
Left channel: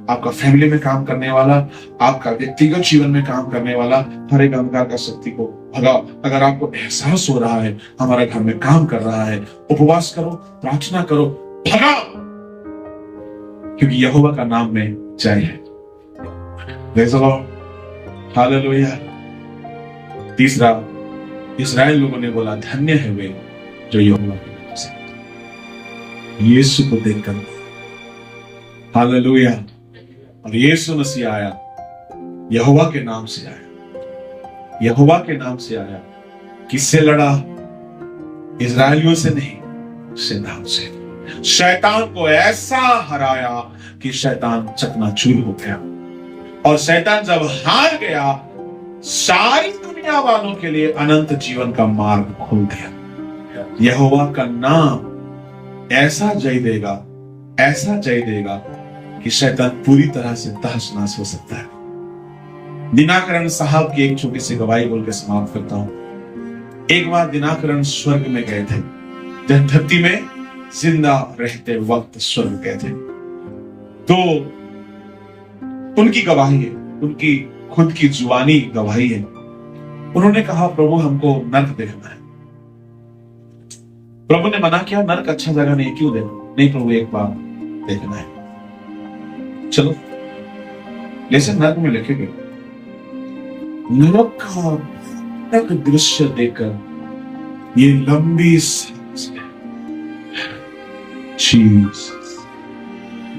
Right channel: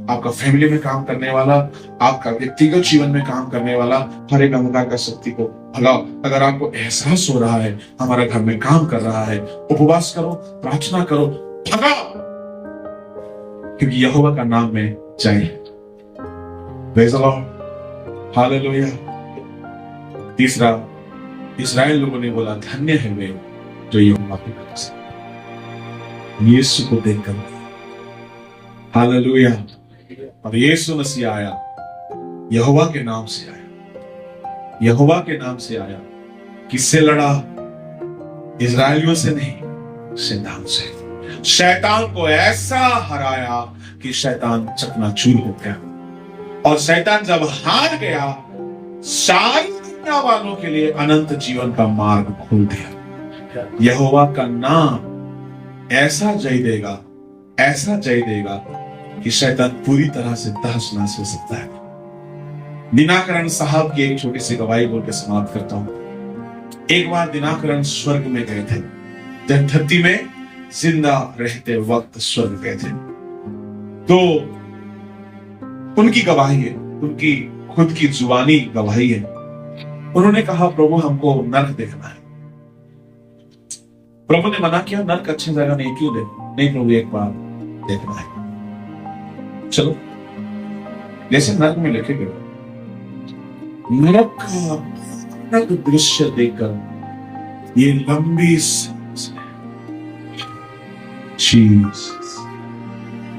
आपका फैमिली में काम करने वाला, आपका व्यक्तिगत जीवन में काम करने वाला हर एक अंधकार का शक्ति को भगाओ। अगर आपको एहसास हो रहा है हमारा घर में काम कर रहा है, उपवास करो, प्रार्थना करो, भगाओ, क्योंकि यहोवा का नाम में जय है। Praise the Lord, hallelujah. तीसरा, इस्राएल लोगों ने बोला, धन्य है वे जो यहोवा के नाम से यीशु को देखकर, हालेलुया। और यीशु मसीह आया, यहोवा के नाम से आया, यहोवा के नाम से आया। किससे लड़ा? इस्राएलियों से नहीं, शैतान से। शैतान को ऐसा हराया कि शैतान चकनाचूर हो गया। और शैतान जब हार गया, सारी दुनिया वालों के लिए अनंत जीवन का मार्ग खोल दिया। यहोवा का नाम ऐसा जय देगा, ऐसा जय देगा कि शैतान पूरी तरह से तहस नहस हो सकता है। दिनाकरण साहब की एक छोटी सी गवाही बोल के समाप्त करता हूं। एक बार दिनाकरण स्वर्ग में गए थे, जब धरती में जिंदा रहते वक्त स्वर्ग गए थे। तो उनकी गवाही है, उनकी खुद की जुबानी गवाही है। उन्होंने कहा, प्रभु हमको नर्क देखना है। प्रभु ने मना किया, नर्क अच्छा जगह नहीं, क्यों देखो? नहीं प्रभु, एक बार देखना है। चलो, जैसे नर्क में लेके गए, नरक का दृश्य देखकर ये लंबी सांस है।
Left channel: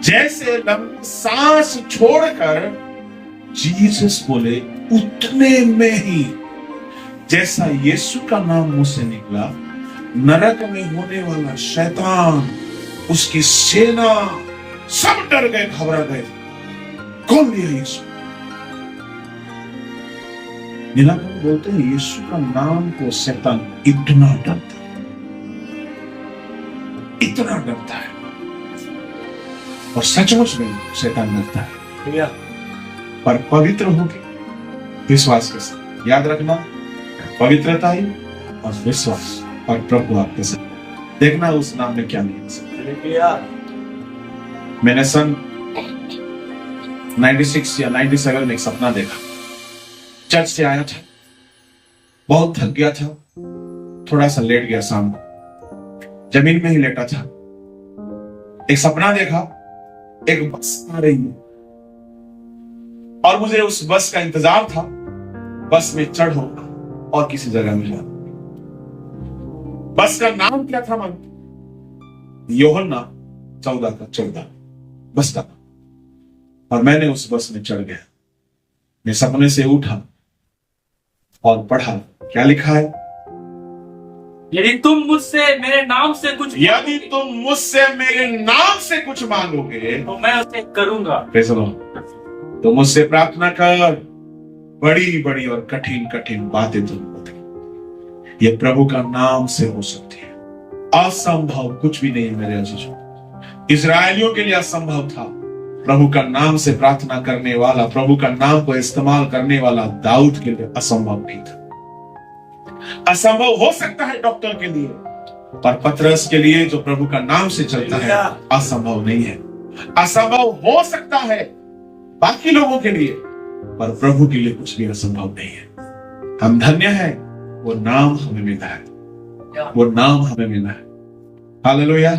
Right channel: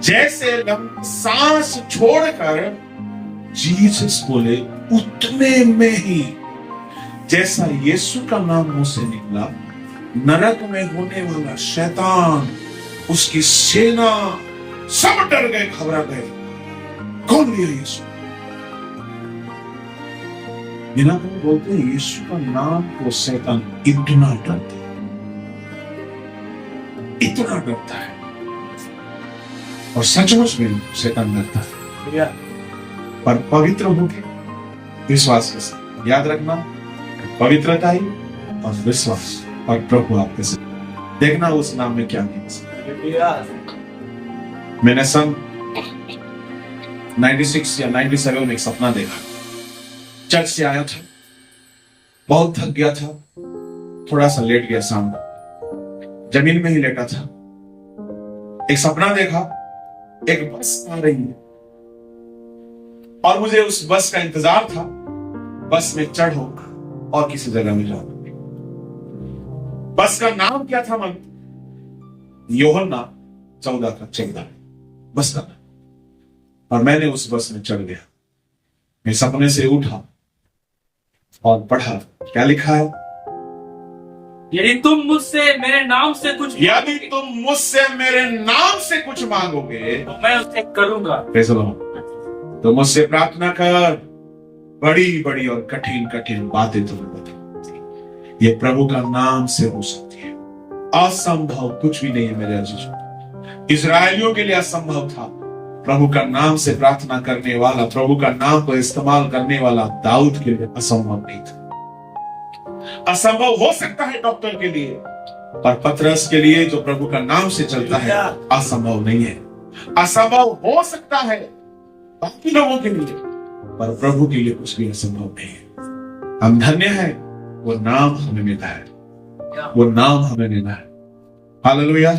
जैसे लंबी सांस छोड़कर जीसस बोले, उतने में ही जैसा यीशु का नाम मुंह से निकला, नरक में होने वाला शैतान, उसकी सेना सब डर गए, घबरा गए। कौन ये यीशु? दिनाकरण बोलते हैं, यीशु का नाम को शैतान इतना डरता है, इतना डरता है। और सचमुच में शैतान डरता है, पर पवित्र होके विश्वास के साथ। याद रखना, पवित्रता ही और विश्वास और प्रभु आपके साथ। देखना उस नाम में क्या नहीं सकता। मैंने सन 96 या 97 में एक सपना देखा। चर्च से आया था, बहुत थक गया था, थोड़ा सा लेट गया, सामने जमीन में ही लेटा था। एक सपना देखा, एक बस आ रही है और मुझे उस बस का इंतजार था। बस में चढ़ो और किसी जगह में जाओ। बस का नाम क्या था मन? यूहन्ना 14:14 बस का नाम। और मैंने उस बस में चढ़ गया। मैं सपने से उठा और पढ़ा, क्या लिखा है? यदि तुम मुझसे मेरे नाम से कुछ मांगोगे तो मैं उसे करूंगा। तो मुझसे प्रार्थना कर, बड़ी बड़ी और कठिन कठिन बातें तुम्हें बताएंगे। ये प्रभु का नाम से हो सकती है। असंभव कुछ भी नहीं है मेरे अजीजों। इस्राएलियों के लिए असंभव था, प्रभु का नाम से प्रार्थना करने वाला, प्रभु का नाम को इस्तेमाल करने वाला दाऊद के लिए असंभव नहीं था। असंभव हो सकता है डॉक्टर के लिए, और पतरस के लिए जो प्रभु का नाम से चलता है असंभव नहीं है। असंभव हो सकता है बाकी लोगों के लिए, पर प्रभु के लिए कुछ भी असंभव नहीं है। हम धन्य हैं, वो नाम हमें मिला है, वो नाम हमें मिला है। हालेलुया।